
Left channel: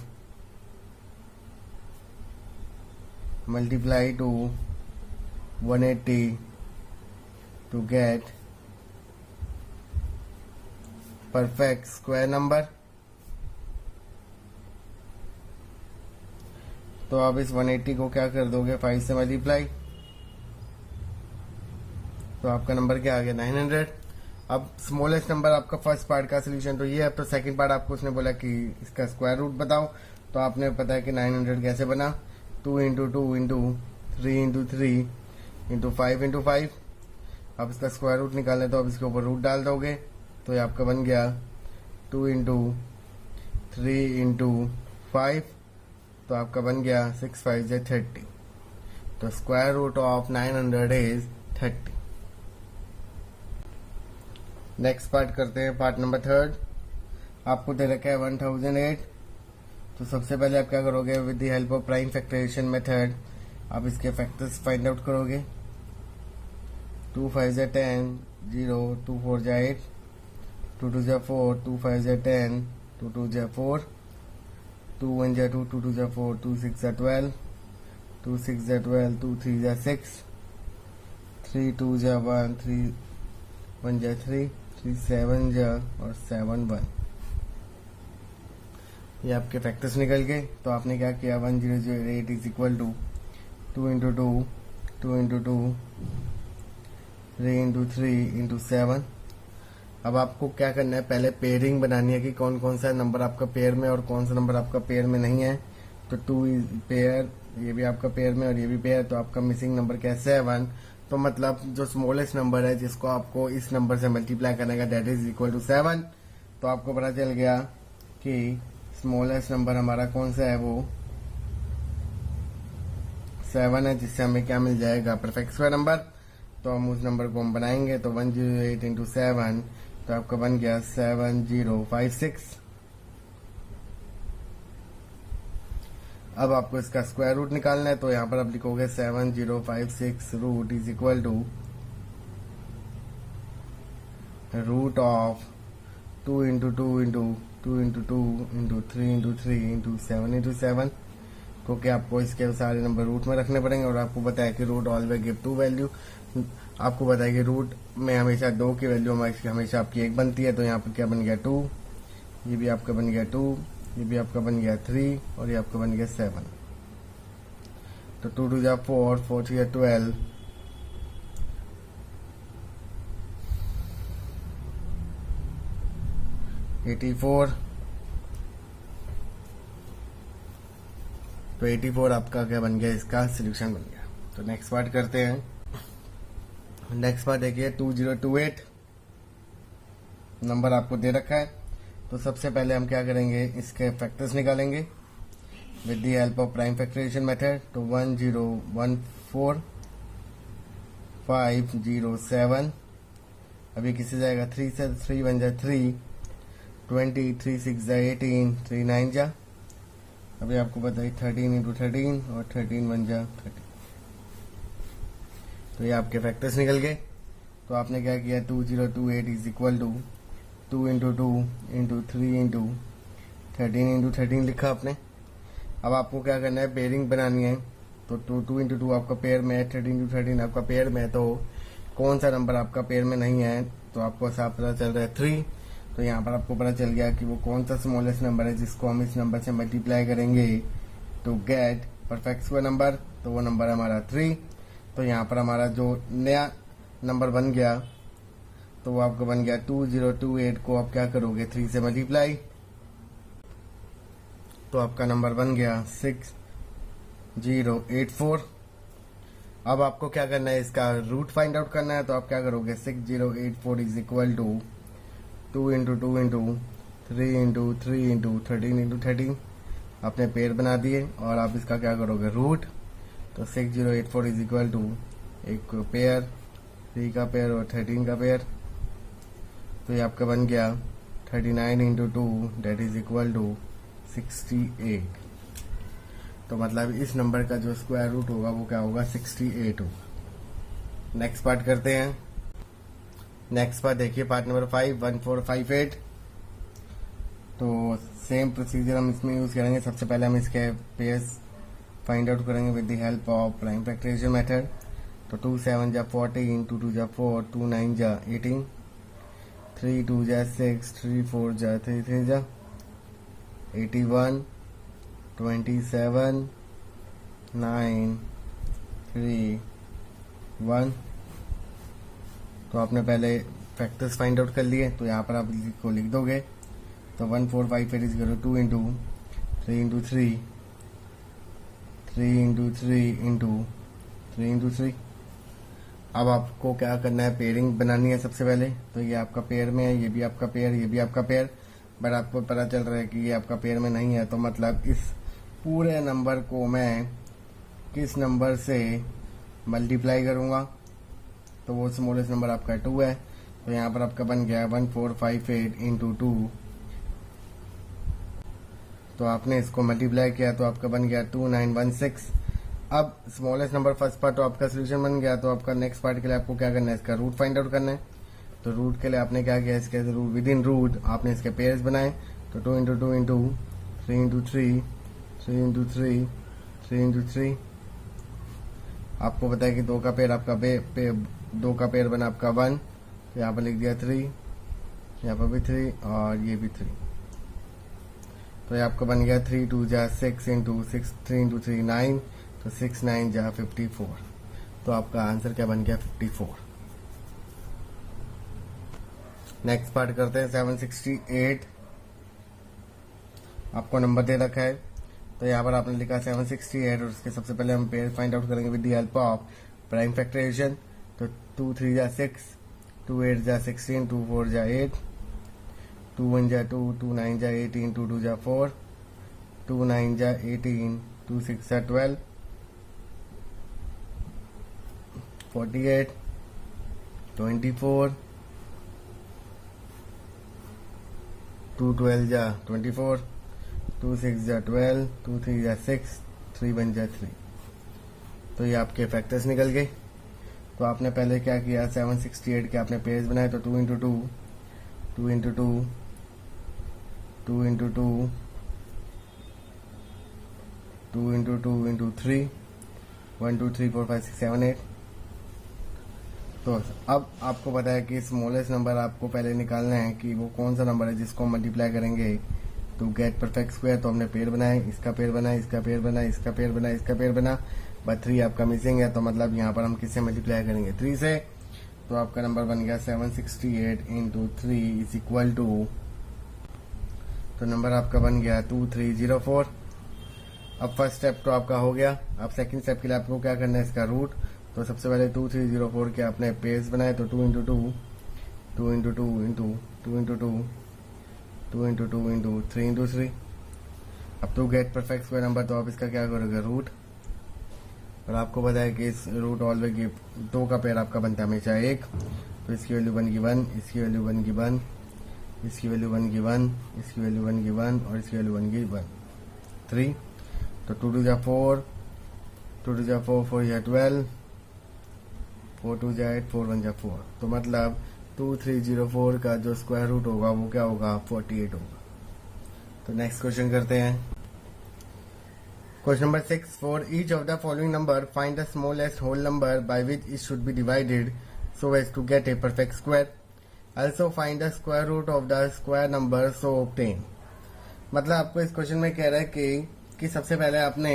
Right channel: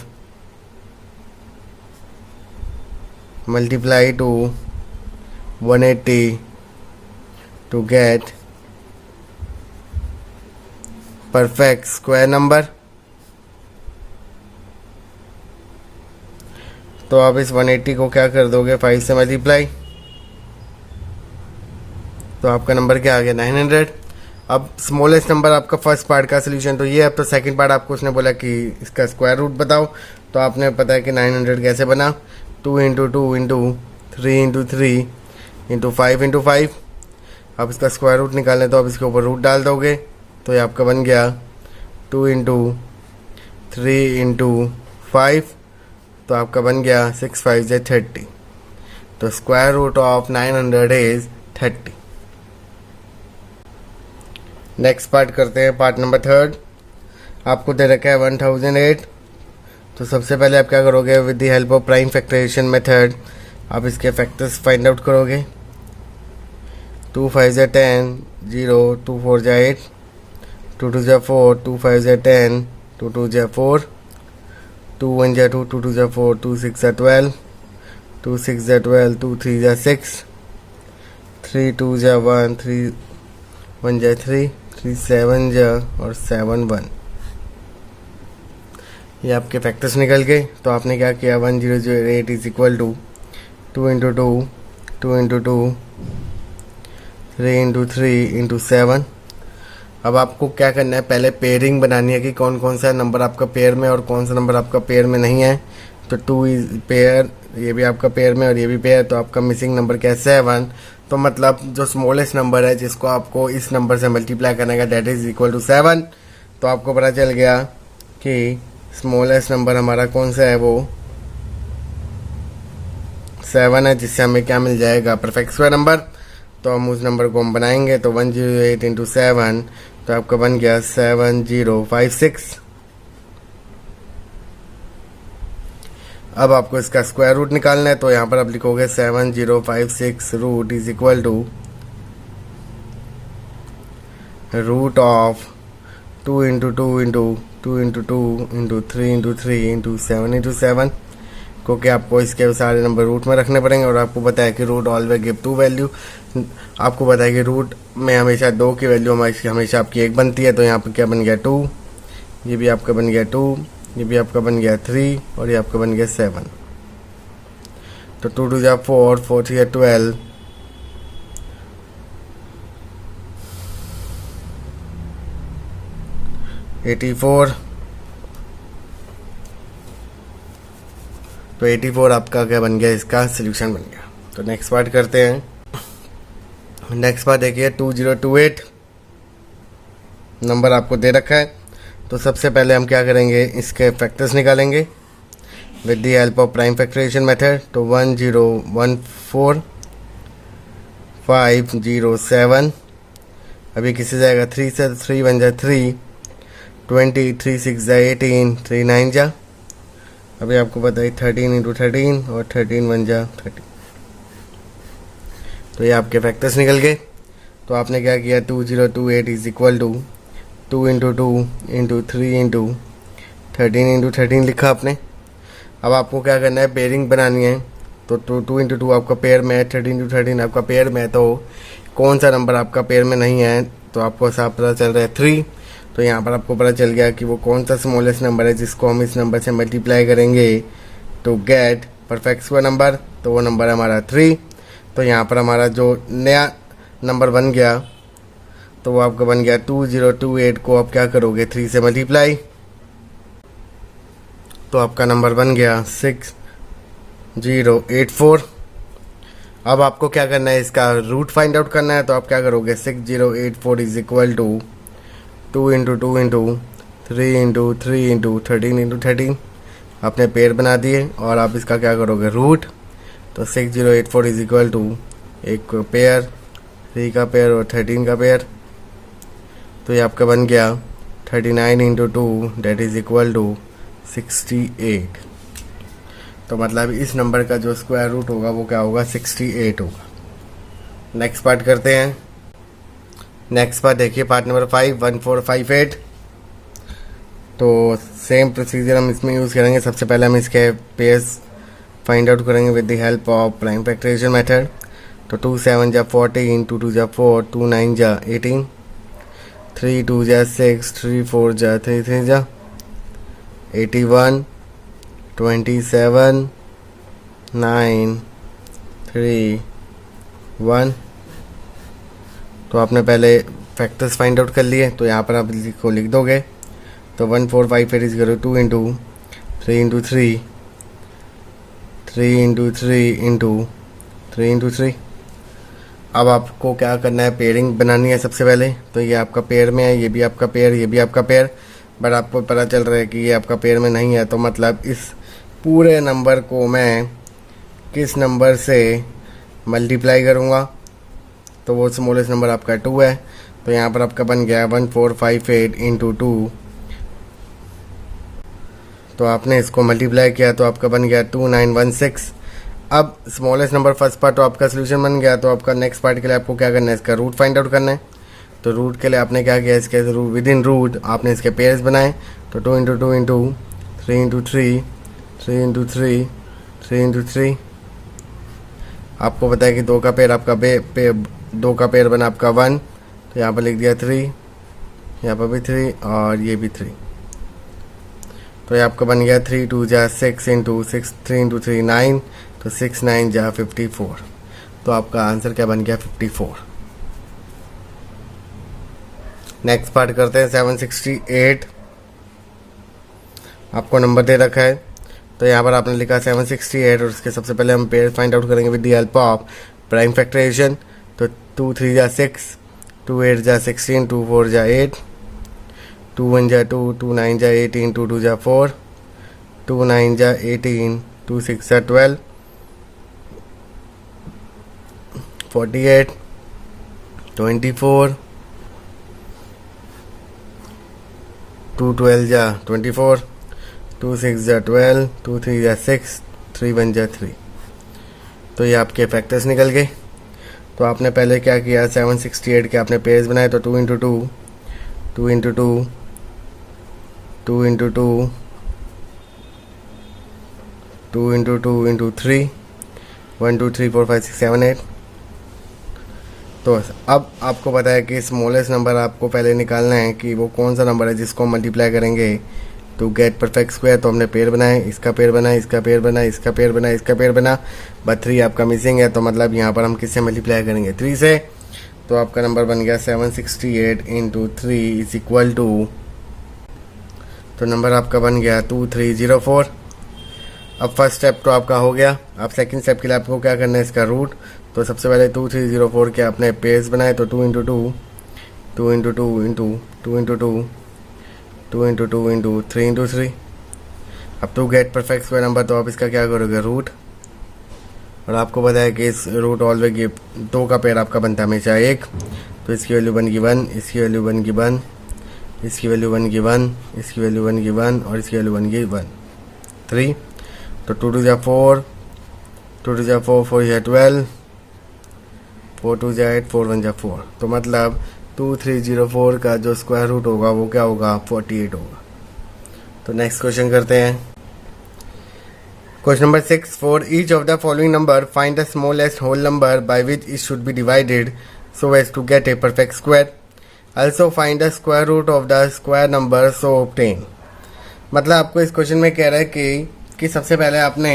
multiply two 180 to get perfect square number। तो आप इस 180 को क्या कर दोगे, 5 से मल्टीप्लाई, तो आपका नंबर क्या आ गया, 900। अब स्मॉलेस्ट नंबर आपका फर्स्ट पार्ट का सोल्यूशन तो ये। अब तो सेकंड पार्ट आपको उसने बोला कि इसका स्क्वायर रूट बताओ, तो आपने पता है कि 900 कैसे बना, 2 into 2 into 3 into 3 into 5 into 5। अब इसका स्क्वायर रूट निकालें तो अब इसके ऊपर रूट डाल दोगे, तो ये आपका बन गया 2 इंटू 3 इंटू 5, तो आपका बन गया 6 5 से 30। तो square root of 900 is 30। Next part करते हैं, पार्ट नंबर 3। आपको दे रखा है 1008। तो सबसे पहले आप क्या करोगे, with the help of prime factorisation method आप इसके फैक्टर्स फाइंड आउट करोगे। 2 5 जा 10, 0, 2 4 जा 8, 2 2 जा 4, 2 5 जा 10, 2 2 जा 4, 2 1 जा 2, 2 2 जा 4, 2 6 जा 12, 2 6 जा 12, 2 3 जा 6, 3 2 जा 1, 3 1 जा 3, 3 7 जा और 7 1। ये आपके फैक्टर्स निकल गए। तो आपने क्या किया, 1008 is equal to 2 into 2, 2 into 2, 3 into 3 into 7। अब आपको क्या करना है, पहले पेयरिंग बनानी है कि कौन कौन सा नंबर आपका पेयर में और कौन सा नंबर आपका पेयर में नहीं है। तो 2 इज पेयर, ये भी आपका पेयर में और ये भी पेयर, तो आपका मिसिंग नंबर क्या है, 7। तो मतलब जो स्मॉलेस्ट नंबर है जिसको आपको इस नंबर से मल्टीप्लाई करने का, दैट इज इक्वल टू 7। तो आपको पता चल गया कि स्मॉलेस्ट नंबर हमारा कौन सा है, वो 7 है, जिससे हमें क्या मिल जाएगा, परफेक्ट स्क्वायर नंबर। तो हम उस नंबर को हम बनाएंगे, तो 108 इंटू 7, तो आपका बन गया 7056। अब आपको इसका स्क्वायर रूट निकालना है, तो यहाँ पर आप लिखोगे 7056 root is equal to root of 2 into 2 into 2 into 2 into 3 into 3 into 7 into 7, क्योंकि आपको इसके सारे नंबर रूट में रखने पड़ेंगे। और आपको पता है कि रूट ऑलवेज गिव 2 वैल्यू। आपको पता है कि रूट में हमेशा 2 की वैल्यू हमेशा आपकी 1 बनती है। तो यहाँ पर क्या बन गया, 2, ये भी आपका बन गया 2, ये भी आपका बन गया 3 और ये आपका बन गया 7। तो 2 2 जा 4, 4 3 जा 12, 84। तो 84 आपका क्या बन गया, इसका सोल्यूशन बन गया। तो नेक्स्ट पार्ट करते हैं। नेक्स्ट पार्ट देखिए 2028 नंबर आपको दे रखा है। तो सबसे पहले हम क्या करेंगे, इसके फैक्टर्स निकालेंगे with the help of prime factorisation method. तो 1014507, अभी किसी जाएगा 3 से, 3 1 जा 3, 20, 3 6 जा 18, 3 9 जा, अभी आपको पता है 13 इंटू 13 और 13 1 जा 30। तो ये आपके फैक्टर्स निकल गए। तो आपने क्या किया, 2028 is equal to 2 into 2 into 3 into 13 into 13 लिखा आपने। अब आपको क्या करना है, पेयरिंग बनानी है। तो 2 इंटू 2 आपका पेयर में है, 13 इंटू 13 आपका पेयर में है। तो कौन सा नंबर आपका पेयर में नहीं है, तो आपको साफ पता चल रहा है 3। तो यहाँ पर आपको पता चल गया कि वो कौन सा स्मॉलेस्ट नंबर है जिसको हम इस नंबर से मल्टीप्लाई करेंगे to get perfect square number. तो वो नंबर है हमारा 3। तो यहाँ पर हमारा जो नया नंबर बन गया तो वो आपका बन गया 2028 को आप क्या करोगे 3 से मल्टीप्लाई, तो आपका नंबर बन गया 6084। अब आपको क्या करना है, इसका रूट फाइंड आउट करना है। तो आप क्या करोगे 6084 is equal to 2 into 2 into 3 into 3 into 13 into 13 आपने पेयर बना दिए और आप इसका क्या करोगे रूट। तो 6084 इज इक्वल टू एक पेयर 3 का पेयर और 13 का पेयर, तो ये आपका बन गया 39 into 2 that is equal to 68। तो मतलब इस नंबर का जो स्क्वायर रूट होगा वो क्या होगा 68 होगा। नेक्स्ट पार्ट करते हैं। नेक्स्ट पार्ट देखिए पार्ट नंबर 5 1458। तो सेम प्रोसीजर हम इसमें यूज़ करेंगे। सबसे पहले हम इसके पेयर्स फाइंड आउट करेंगे with the help of prime factorisation method. तो 2 7 जा 14, 2 2 जा 4, 2 9 जा 18, 3 2 जा 6, 3 4 जा 3 3 जा 81, 27, 9 3 1। तो आपने पहले फैक्टर्स फाइंड आउट कर लिए, तो यहाँ पर आप इसको लिख दोगे। तो 1458 इज करो 2 into 3 into 3 3 into 3 into 3 into 3। अब आपको क्या करना है, पेयरिंग बनानी है सबसे पहले। तो ये आपका पेयर में है, ये भी आपका पेयर, ये भी आपका पेयर, बट आपको पता चल रहा है कि ये आपका पेयर में नहीं है। तो मतलब इस पूरे नंबर को मैं किस नंबर से मल्टीप्लाई करूँगा, तो वो स्मॉलेस्ट नंबर आपका 2 है। तो यहाँ पर आपका बन गया 1458 इंटू 2। तो आपने इसको मल्टीप्लाई किया तो आपका बन गया 2916। अब स्मॉलेस्ट नंबर फर्स्ट पार्ट तो आपका सोल्यूशन बन गया। तो आपका नेक्स्ट पार्ट के लिए आपको क्या करना है, इसका रूट फाइंड आउट करना है। तो रूट के लिए आपने क्या किया, इसके विद इन रूट आपने इसके पेयर्स बनाए। तो 2 into 2 into 3 into 3 3 into 3 3 into 3। आपको पता है कि 2 का पेयर आपका 2 का पेयर बना आपका 1। तो यहाँ पर लिख दिया 3, यहाँ पर भी 3 और ये भी 3। तो ये आपका बन गया 3 2 जा 6 इंटू 6 3 इंटू 3 9। तो 6 9 जा 54। तो आपका आंसर क्या बन गया 54। नेक्स्ट पार्ट करते हैं 768। आपको नंबर दे रखा है। तो यहाँ पर आपने लिखा 768 और उसके सबसे पहले हम पेयर फाइंड आउट करेंगे with the help of prime factorisation. तो 2 3 जा 6, 2 8 जा 16, 2 4 जा 8, 2 1 जा 2, 2 9 जा 18, 2 2 जा 4, 2 9 जा 18, 2 6 जा 12, 48, 24, 2 12 जा 24, 2 6 जा 12, 2 3 जा 6, 3 1 जा 3। तो ये आपके फैक्टर्स निकल गए। तो आपने पहले क्या किया, 768 के आपने पेयर्स बनाए। तो 2 into 2 2 into 2 2 into 2 2 into 2 into 3 1 2 3 4 5 6 7 8। तो अब आपको पता है कि स्मॉलेस्ट नंबर आपको पहले निकालना है कि वो कौन सा नंबर है जिसको मल्टीप्लाई करेंगे टू गेट परफेक्ट स्क्वायर। तो हमने पेयर बनाए, इसका पेयर बना, इसका पेयर बना, इसका पेयर बना, इसका पेयर बना, बट 3 आपका मिसिंग है। तो मतलब यहाँ पर हम किससे मल्टीप्लाई करेंगे 3 से। तो आपका नंबर बन गया 768 इंटू 3 इज इक्वल टू, तो नंबर आपका बन गया 2304। अब फर्स्ट स्टेप तो आपका हो गया। अब सेकंड स्टेप के लिए आपको क्या करना है, इसका रूट। तो सबसे पहले 2304 के आपने पेयर्स बनाए। तो 2 into 2 2 into 2 into 2 into 2 2 into 2 into 3 into 3। अब to get perfect square number तो आप इसका क्या करोगे रूट। और आपको पता है कि इस रूट ऑलवेज 2 का पेयर आपका बनता है हमेशा 1। तो इसकी वैल्यू बन गई 1, इसकी वैल्यू बन गई 1, इसकी वैल्यू बन गई 1, इसकी वैल्यू बन गई 1 और इसकी वैल्यू बन गई 1 3। तो 2 2 जा 4, 2 2 जा 4, 4 जा 12, 4 2 जा 8, 4 1 जा 4। तो मतलब 2304 का जो स्क्वायर रूट होगा वो क्या होगा 48 होगा। तो नेक्स्ट क्वेश्चन करते हैं। Question number 6, for each of the following number find the smallest whole number by which it should be divided so as to get a perfect square. also find the square root of the square number so obtain। मतलब आपको इस क्वेश्चन में कह रहा है कि सबसे पहले आपने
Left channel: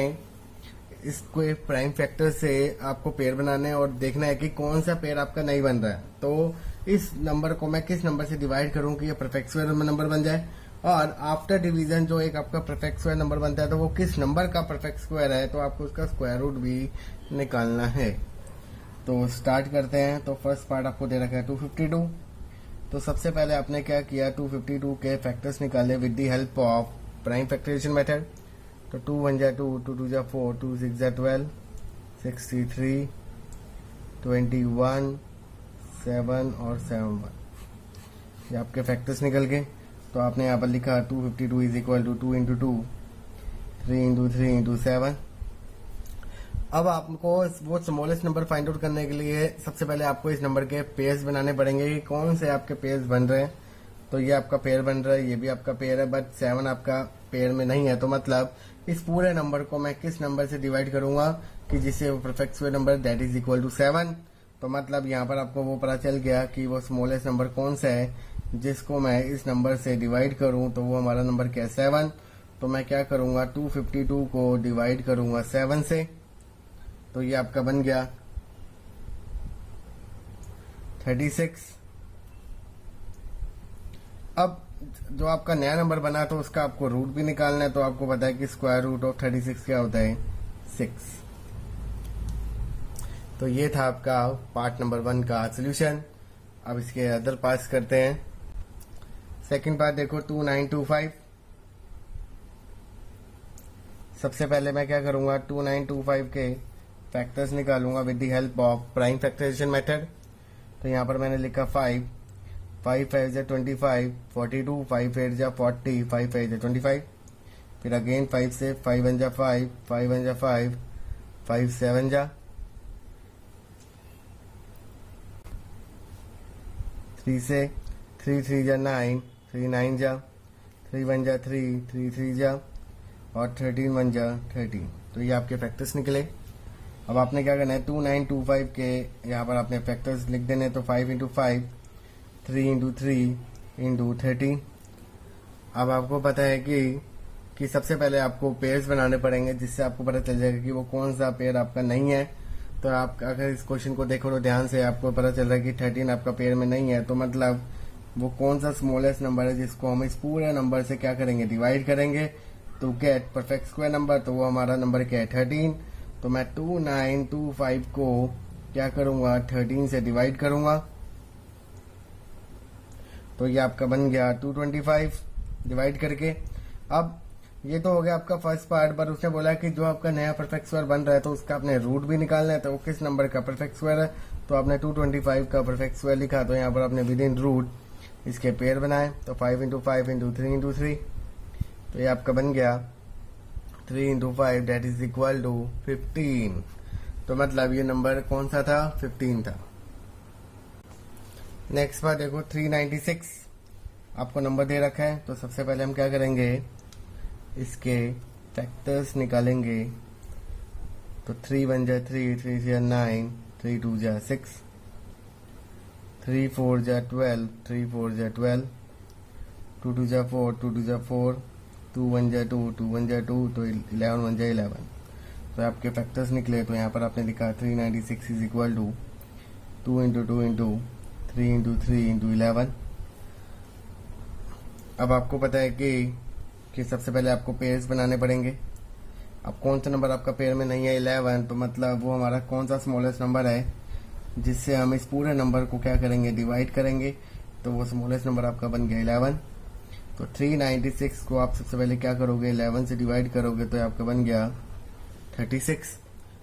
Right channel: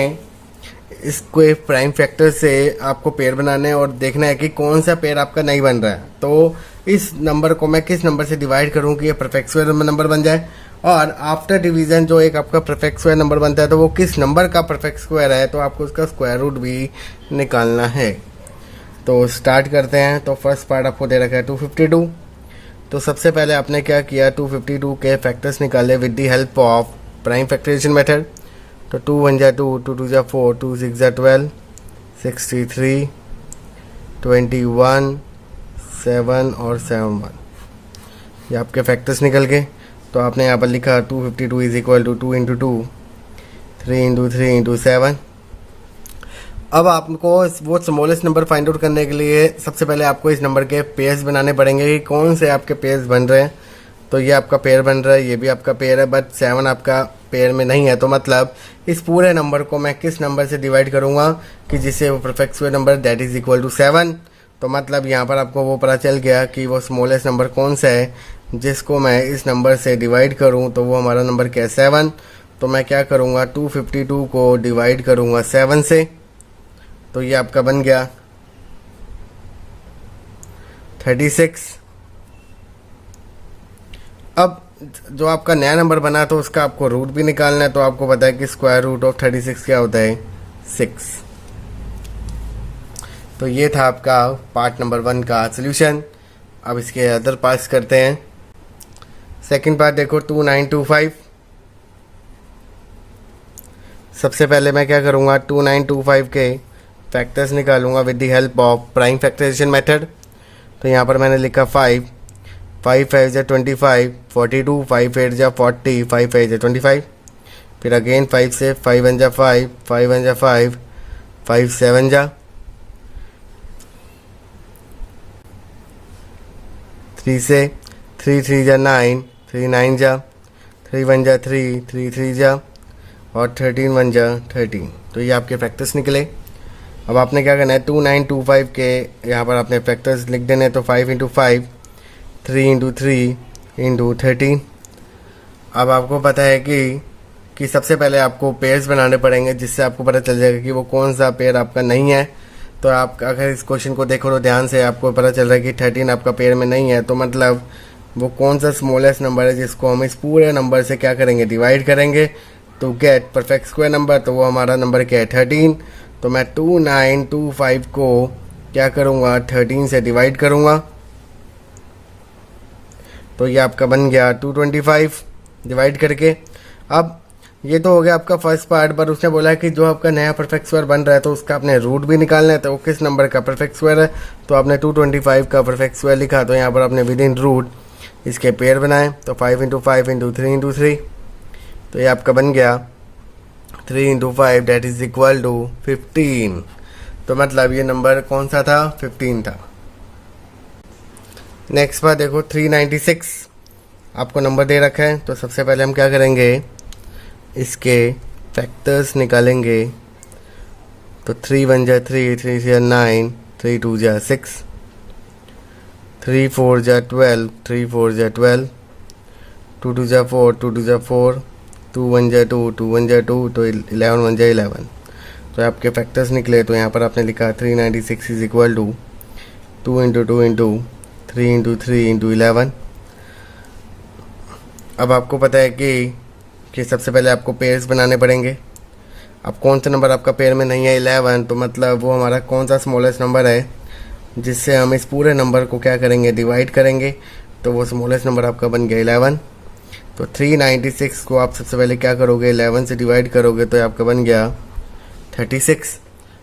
इसको एक प्राइम फैक्टर से आपको पेयर बनाना है और देखना है कि कौन सा पेयर आपका नहीं बन रहा है। तो इस नंबर को मैं किस नंबर से डिवाइड करूं कि ये परफेक्ट स्क्वायर नंबर बन जाए, और आफ्टर डिवीजन जो एक आपका परफेक्ट स्क्वायर नंबर बनता है तो वो किस नंबर का परफेक्ट स्क्वायर है, तो आपको उसका स्क्वायर रूट भी निकालना है। तो स्टार्ट करते हैं। तो फर्स्ट पार्ट आपको दे रखा है 252। तो सबसे पहले आपने क्या किया, 252 के फैक्टर्स निकाले with the help of prime factorisation method. तो 2 1 जा 2, 2 2 जा 4, 2 6 जा 12, 63, 21, 7 और 7 1, ये आपके फैक्टर्स निकल गए। तो आपने यहाँ पर लिखा 252 is equal to 2 into 2, 3 into 3 into 7। अब आपको वो स्मॉलेस्ट नंबर फाइंड आउट करने के लिए सबसे पहले आपको इस नंबर के पेयर्स बनाने पड़ेंगे कि कौन से आपके पेयर्स बन रहे हैं। तो ये आपका पेयर बन रहा है, ये भी आपका पेयर है, बट 7 आपका पेयर में नहीं है। तो मतलब इस पूरे नंबर को मैं किस नंबर से डिवाइड करूंगा कि जिससे वो perfect square number that is equal to 7। तो मतलब यहाँ पर आपको वो पता चल गया कि वो स्मॉलेस्ट नंबर कौन सा है जिसको मैं इस नंबर से डिवाइड करूँ, तो वो हमारा नंबर क्या है 7। तो मैं क्या करूँगा, 252 को डिवाइड करूँगा 7 से, तो ये आपका बन गया 36। अब जो आपका नया नंबर बना तो उसका आपको रूट भी निकालना है। तो आपको पता है कि स्क्वायर रूट ऑफ 36 क्या होता है, 6। तो ये था आपका पार्ट नंबर 1 का सोल्यूशन। अब इसके अदर पार्ट्स करते हैं। सेकंड पार्ट देखो 2925। सबसे पहले मैं क्या करूँगा, 2925 के फैक्टर्स निकालूंगा with the help of prime factorisation method. तो यहाँ पर मैंने लिखा 5 5 5 जा 25, 42, 5 8 जा 40, 5 8 जा 25। फिर अगेन 5 से 5 1 जा 5, 5 1 जा 5, 5 7 जा 3 से 3 3 जा 9, 3 9 जा 3 1 जा 3, 3 3 जा और 13 1 जा 13। तो ये आपके फैक्टर्स निकले। अब आपने क्या करना है, 2925 के यहाँ पर आपने फैक्टर्स लिख देने। तो 5 इंटू 5, 3 इंटू 3 इंटू 13। अब आपको पता है कि सबसे पहले आपको पेयर्स बनाने पड़ेंगे जिससे आपको पता चल जाएगा कि वो कौन सा पेयर आपका नहीं है। तो आप अगर इस क्वेश्चन को देखो तो ध्यान से आपको पता चल रहा है कि 13 आपका पेयर में नहीं है। तो मतलब वो कौन सा स्मॉलेस्ट नंबर है जिसको हम इस पूरे नंबर से क्या करेंगे, डिवाइड करेंगे तो गेट परफेक्ट स्क्वायर नंबर। तो वो हमारा नंबर क्या है, 13। तो मैं 2925 को क्या करूँगा, 13 से डिवाइड करूँगा। तो ये आपका बन गया 225 डिवाइड करके। अब ये तो हो गया आपका फर्स्ट पार्ट, पर उसने बोला कि जो आपका नया परफेक्ट स्क्वायर बन रहा है तो उसका आपने रूट भी निकालना है। तो वो किस नंबर का परफेक्ट स्क्वायर है, तो आपने 225 का परफेक्ट स्क्वायर लिखा। तो यहाँ पर आपने विद इन रूट इसके पेयर बनाए। तो 5 इंटू 5 इंटू 3 इंटू 3, तो ये आपका बन गया 3 into 5 that is equal to 15। तो मतलब ये नंबर कौन सा था, 15 था। नेक्स्ट बार देखो 396 आपको नंबर दे रखा है। तो सबसे पहले हम क्या करेंगे, इसके फैक्टर्स निकालेंगे। तो 3 1 जा 3, 3 जा 9, 3 2 जा 6, 3 4 जा 12, 3 4 जा 12, 2 2 जा 4, 2 2 जा 4, 2 1 जा 2, 2 1 जा 2, तो 11 1 जा 11। तो आपके फैक्टर्स निकले। तो यहाँ पर आपने लिखा 396 is equal to 2 into 2 into 3 into 3 into 11। अब आपको पता है कि सबसे पहले आपको पेयर्स बनाने पड़ेंगे। अब कौन सा नंबर आपका पेयर में नहीं है, 11। तो मतलब वो हमारा कौन सा स्मॉलेस्ट नंबर है जिससे हम इस पूरे नंबर को क्या करेंगे, डिवाइड करेंगे। तो वो स्मॉलेस्ट नंबर आपका बन गया 11। तो 396 को आप सबसे पहले क्या करोगे, 11 से डिवाइड करोगे तो आपका बन गया 36।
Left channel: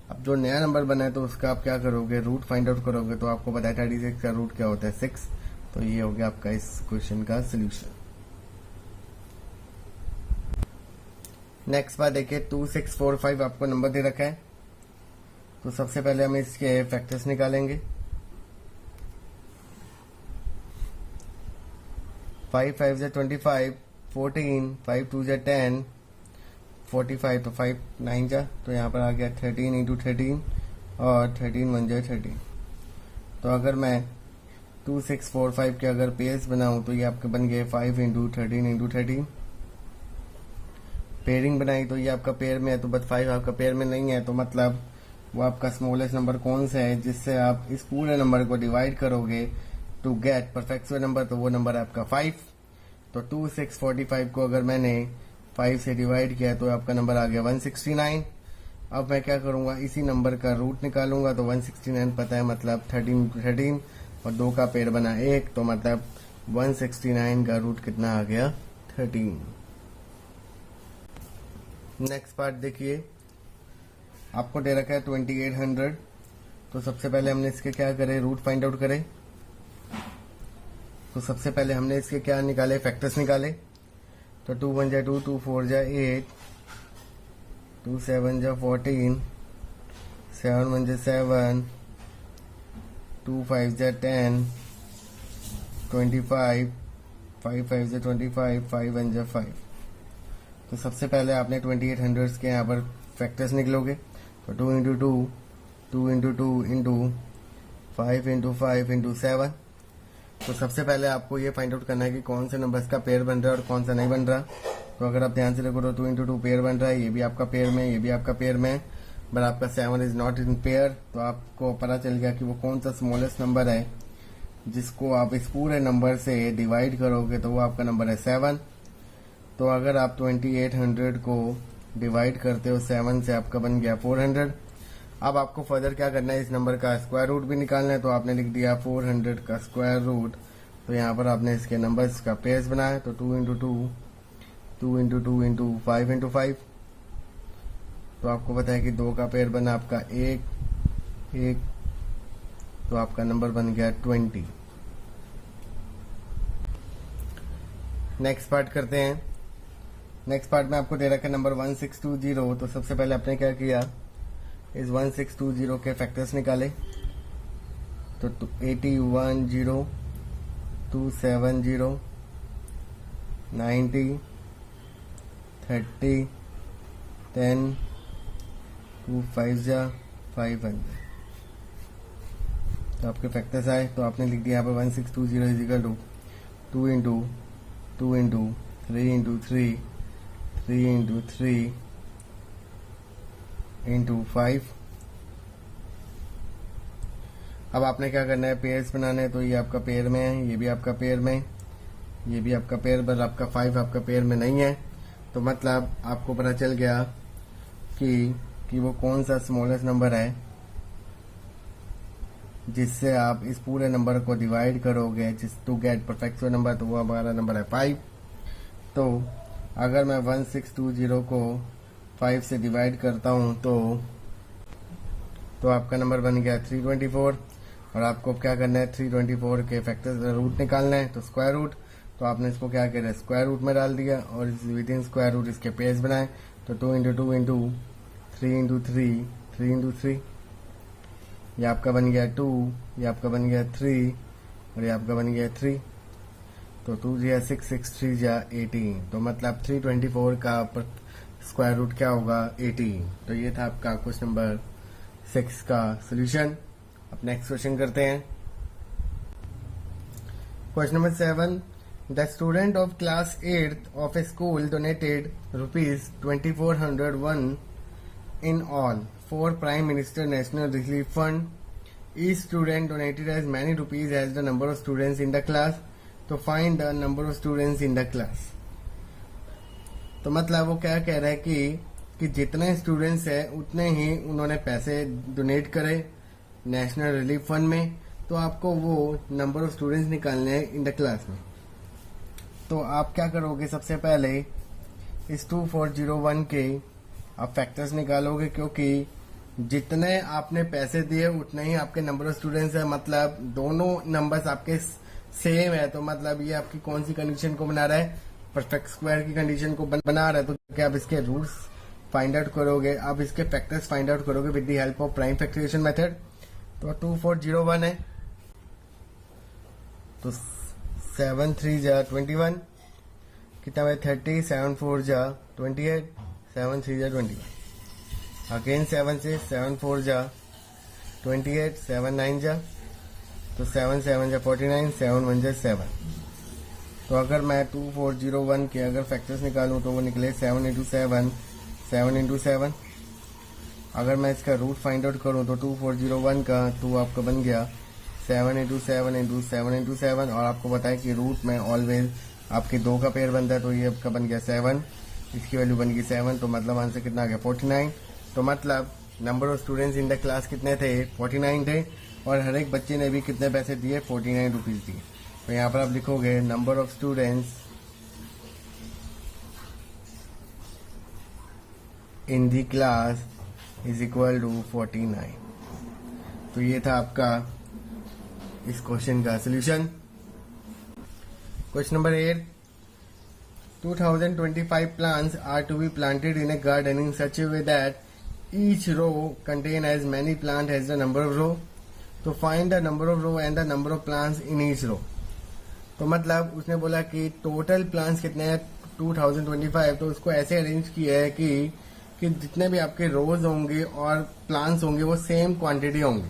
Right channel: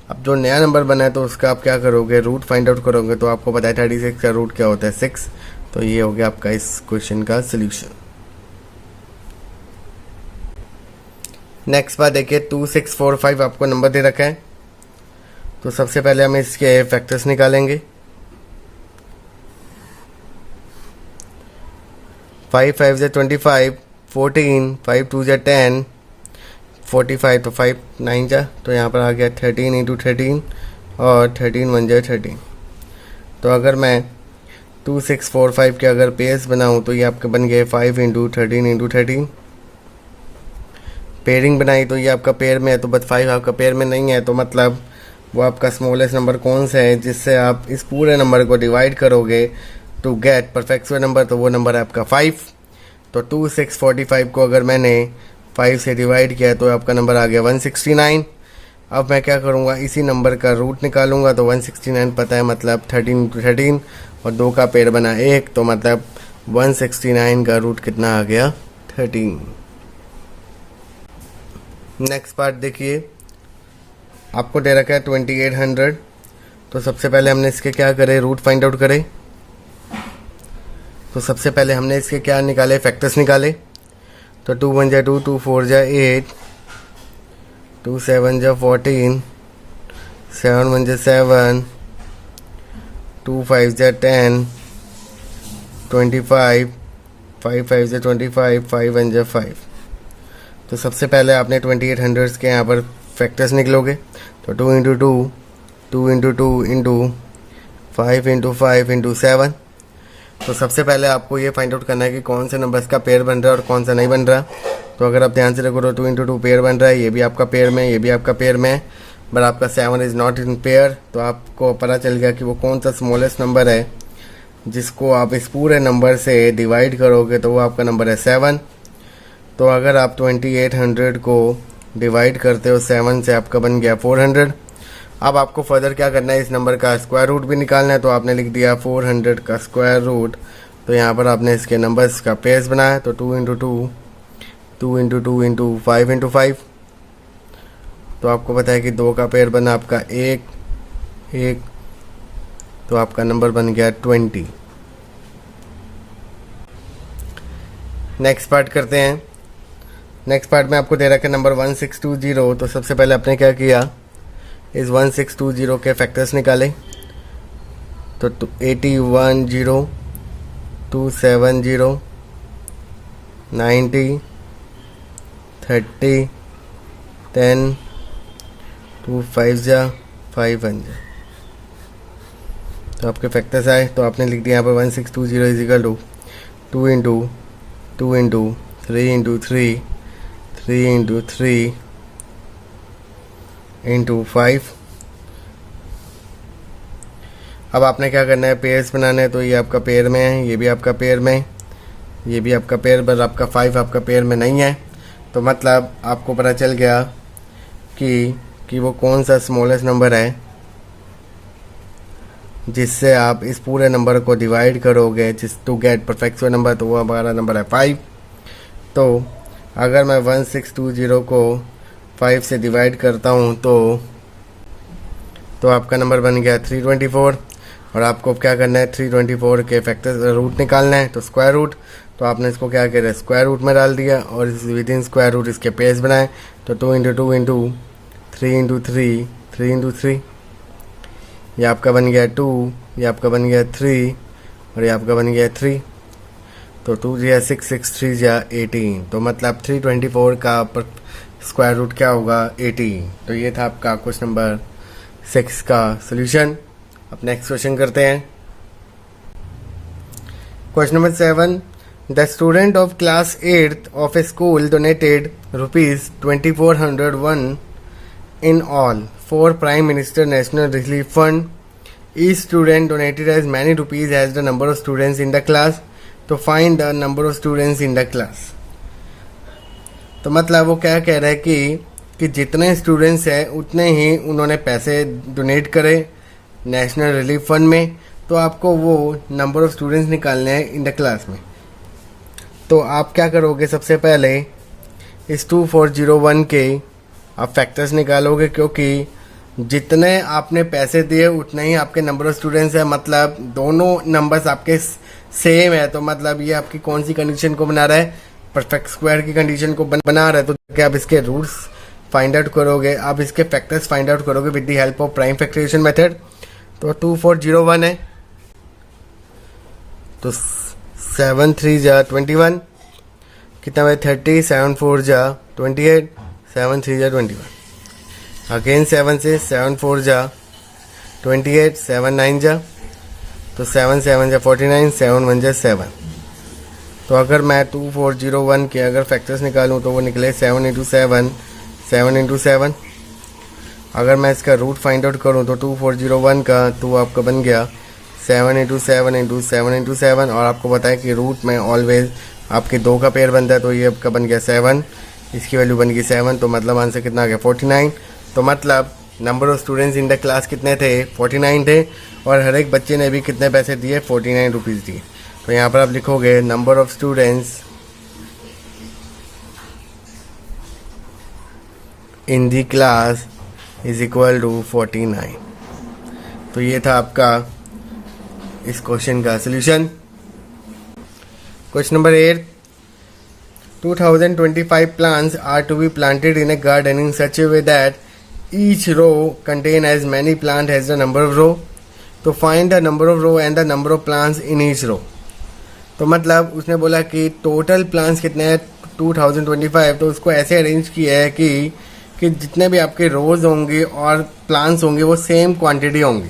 अब जो नया नंबर बना है तो उसका आप क्या करोगे, रूट फाइंड आउट करोगे। तो आपको पता है 36 का रूट क्या होता है, 6। तो ये हो गया आपका इस क्वेश्चन का सोल्यूशन। नेक्स्ट बात देखिए 2645 आपको नंबर दे रखा है। तो सबसे पहले हम इसके फैक्टर्स निकालेंगे। 5 5 जा 25, 14, 5 2 जा 10, 45, तो 5 9 जा, तो यहाँ पर आ गया 13 इंटू 13 और 13 1 जा 13। तो अगर मैं 2645 के अगर पेयर्स बनाऊँ तो ये आपके बन गए 5 इंटू 13 पेयरिंग बनाई तो ये आपका पेयर में है, तो बस 5 आपका पेयर में नहीं है, तो मतलब वो आपका स्मॉलेस्ट नंबर कौन सा है जिससे आप इस पूरे नंबर को डिवाइड करोगे to get perfect square number, तो वो नंबर है आपका 5। तो 2645 को अगर मैंने 5 से डिवाइड किया तो आपका नंबर आ गया 169। अब मैं क्या करूँगा, इसी नंबर का रूट निकालूंगा, तो 169 पता है मतलब 13 और 2 का पेयर बना 1, तो मतलब 169 का रूट कितना आ गया 13। नेक्स्ट पार्ट देखिए, आपको दे रखा है 2800। तो सबसे पहले हमने इसके क्या करे, रूट फाइंड आउट करे। तो सबसे पहले हमने इसके क्या निकाले, फैक्टर्स निकाले। तो 2 1 जा 2, 2 4 जा 8, 2 7 जा 14, 7 1 जा 7, 2 5 जा 10, 25, 5 5 जा 25, 5 1 जा 5। तो सबसे पहले आपने 2800 के यहाँ पर फैक्टर्स निकलोगे। तो 2 into 2, 2 into 2 into 5 into 5 into 7। तो सबसे पहले आपको ये फाइंड आउट करना है कि कौन से नंबर्स का पेयर बन रहा है और कौन सा नहीं बन रहा। तो अगर आप ध्यान से देखो तो 2 इंटू 2 पेयर बन रहा है, ये भी आपका पेयर में, ये भी आपका पेयर में है, बट आपका 7 इज़ नॉट इन पेयर। तो आपको पता चल गया कि वो कौन सा स्मॉलेस्ट नंबर है जिसको आप इस पूरे नंबर से डिवाइड करोगे, तो वो आपका नंबर है 7। तो अगर आप 2800 को डिवाइड करते हो 7 से, आपका बन गया 400। अब आपको फर्दर क्या करना है, इस नंबर का स्क्वायर रूट भी निकालना है। तो आपने लिख दिया 400 का स्क्वायर रूट। तो यहाँ पर आपने इसके नंबर्स का पेयर्स बनाया। तो 2 इंटू 2, 2 इंटू 2 इंटू 5 इंटू 5। तो आपको पता है कि 2 का पेयर बना आपका 1, तो आपका नंबर बन गया 20। नेक्स्ट पार्ट करते हैं। नेक्स्ट पार्ट में आपको दे रखा है नंबर 1620। तो सबसे पहले आपने क्या किया, इस 1620 के फैक्टर्स निकाले। तो 81 270 90 30 10 2 5 जा 5 1 जा। तो आपके फैक्टर्स आए। तो आपने लिख दिया यहाँ पर 1620 is equal to 2 into 2 into 3 into 3, 3 into 3 into 5। अब आपने क्या करना है, पेयर्स बनाना है। तो ये आपका पेयर में है, ये भी आपका पेयर में, ये भी आपका पेयर, बस आपका 5 आपका पेयर में नहीं है। तो मतलब आपको पता चल गया कि वो कौन सा स्मॉलेस्ट नंबर है जिससे आप इस पूरे नंबर को डिवाइड करोगे जिस to get perfect square number. तो वो हमारा नंबर है 5। तो अगर मैं 1620 को 5 से डिवाइड करता हूँ तो आपका नंबर बन गया 324। और आपको क्या करना है, 324 के फैक्टर रूट निकालना है। तो स्क्वायर रूट, तो आपने इसको क्या करा, स्क्वायर रूट में डाल दिया और विद इन स्क्वायर रूट इसके पेयर्स बनाए। तो 2 इंटू 2 इंटू 3 इंटू 3, 3 इंटू 3, ये आपका बन गया 2, ये आपका बन गया 3 और ये आपका बन गया 3। तो 2 या 6, 6 3 या 18। तो मतलब 324 का स्क्वायर रूट क्या होगा, 18। तो ये था आपका क्वेश्चन नंबर 6 का सोल्यूशन। अब नेक्स्ट क्वेश्चन करते हैं। Question number 7, the student of class 8th of A school donated ₹2401 in all for Prime Minister National Relief Fund. Each student donated as many rupees as the number of students in the class. तो find the number of students in the class. तो मतलब वो क्या कह रहा है कि जितने स्टूडेंट्स हैं उतने ही उन्होंने पैसे डोनेट करे नेशनल रिलीफ फंड में। तो आपको वो नंबर ऑफ स्टूडेंट्स निकालने हैं इन द क्लास में। तो आप क्या करोगे, सबसे पहले इस 2401 के आप फैक्टर्स निकालोगे, क्योंकि जितने आपने पैसे दिए उतने ही आपके नंबर ऑफ स्टूडेंट्स है। मतलब दोनों नंबर्स आपके सेम है। तो मतलब ये आपकी कौन सी कंडीशन को बना रहा है, परफेक्ट स्क्वायर की कंडीशन को बना रहा है। तो क्या आप इसके रूट्स फाइंड आउट करोगे, आप इसके फैक्टर्स फाइंड आउट करोगे with the help of prime factorisation method. तो 2401 है, तो 7 3 जा 21, कितना है 30, 7 4 जा 28, 7 3 जा 21, अगेन 7 से 7 4 जा 28, 7 9 जा तो 7 7 जा 49, 7 1 जा 7। तो अगर मैं 2401 के अगर फैक्टर्स निकालूं तो वो निकले 7 इंटू 7, 7 इंटू 7। अगर मैं इसका रूट फाइंड आउट करूं तो 2401 का तो आपका बन गया 7 इंटू 7 इंटू 7 इंटू 7। और आपको पता है कि रूट में ऑलवेज आपके 2 का पेयर बनता है, तो ये आपका बन गया 7, इसकी वैल्यू बन गई 7। तो मतलब आंसर कितना आ गया 49। तो मतलब number of students in the class कितने थे 49 थे, और हर एक बच्चे ने भी कितने पैसे दिए 49 रुपीज़ दिए। तो यहाँ पर आप लिखोगे number of students in the class is equal to 49। तो ये था आपका इस क्वेश्चन का solution. Question number 8, 2025 plants are to be planted in a garden in such a way that each row contain as many plants as the number of row. तो find the number of row and the number of plants in each row. तो मतलब उसने बोला कि टोटल प्लांट्स कितने हैं 2025, तो उसको ऐसे अरेंज किया है कि जितने भी आपके रोज होंगे और प्लांट्स होंगे वो सेम क्वांटिटी होंगी,